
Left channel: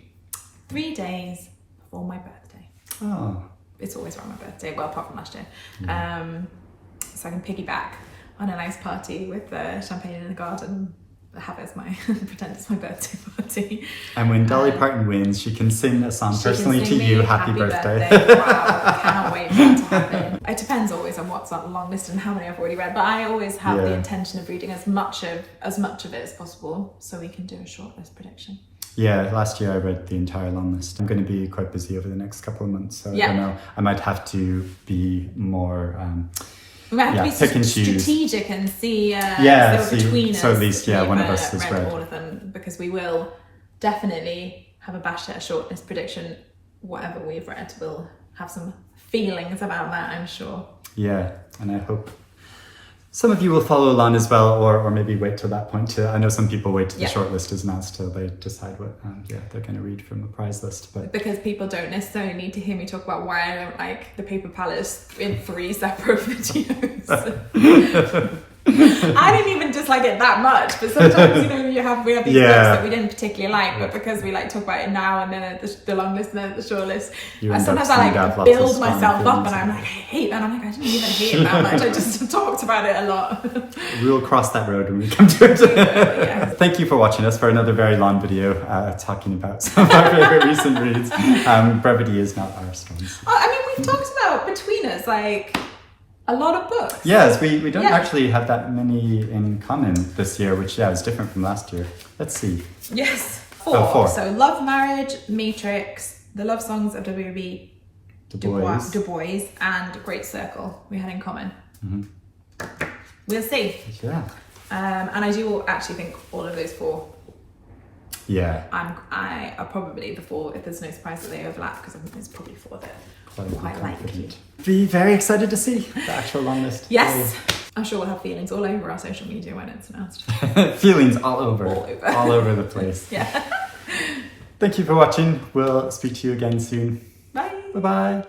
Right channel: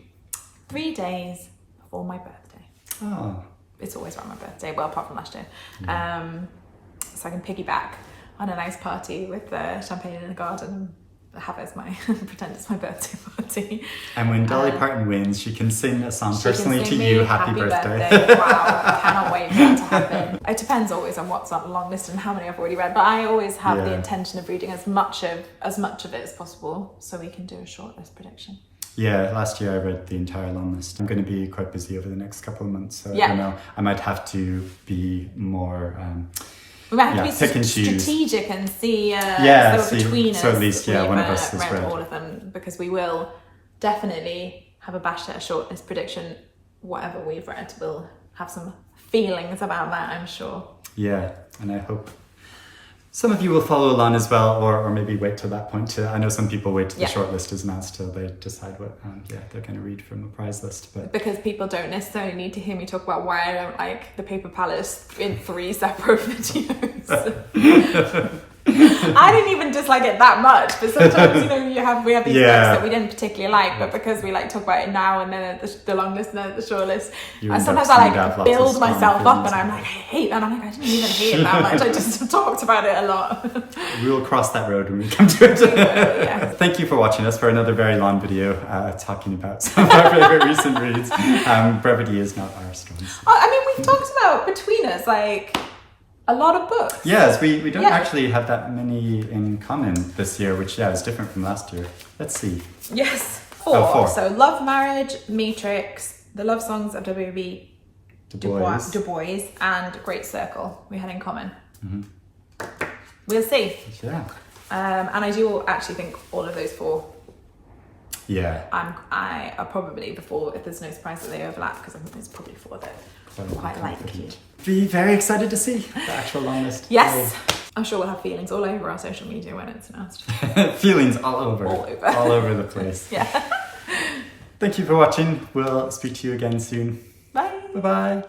3 days before my birthday. Oh. It's always around my birthday, well, apart from last year. So I can piggyback on a nice party with champagne in the garden, have it as pretend it's my birthday party. And when Dolly Parton wins, she can sing a song personally to you, happy birthday. Wow, I cannot wait for that to happen. It depends always on what's on the long list and how many I've already read, but I always have the intention of reading as much of it as possible, so we can do a shortlist prediction. Last year I read the entire long list. I'm going to be quite busy over the next couple of months, so I don't know. I might have to be more we might have to be strategic and see between us. So at least one of us has read all of them, because we will definitely have a bash at a shortlist prediction. Whatever we've read, we'll have some feelings about that, I'm sure. And I hope some of you will follow along as well, or maybe wait till that point. I know some people wait till the shortlist is announced till they decide what they're going to read from the prize list. But because people don't necessarily need to hear me talk about why I don't like The Paper Palace in 3 separate videos. I didn't even dislike it that much, but sometimes we have these books that we didn't particularly like, but because we talk about it now and then at the long list and then at the short list, and sometimes I build myself up and I'm like, I hate that. I'm like, I didn't even hate it that much. I just talked about it a lot. We will cross that road when we come to it. Thank you for watching us for another very long video talking about some of our favorite recent reads. Brevity is not our strong suit. I mean, we've talked about between us a lot of books. Yes, we don't actually have that many in common this year, which is different from last year. Let's see. Yes, 4. Oh, 4. So Love, Marriage, Matrix, The Love Songs of W.E.B, Du Bois, and Great Circle we had in common. We'll see. Yeah. And I do actually think all of those 4 I are probably the 4, if there's no surprise that they overlap, because I think there's probably 4 that quite like. Be very excited to see the actual long list. Yes. I'm sure we'll have feelings all over our social media when it's announced. Feelings all over the place. Yeah. Thank you for watching. We'll speak to you again soon. Bye. Bye-bye.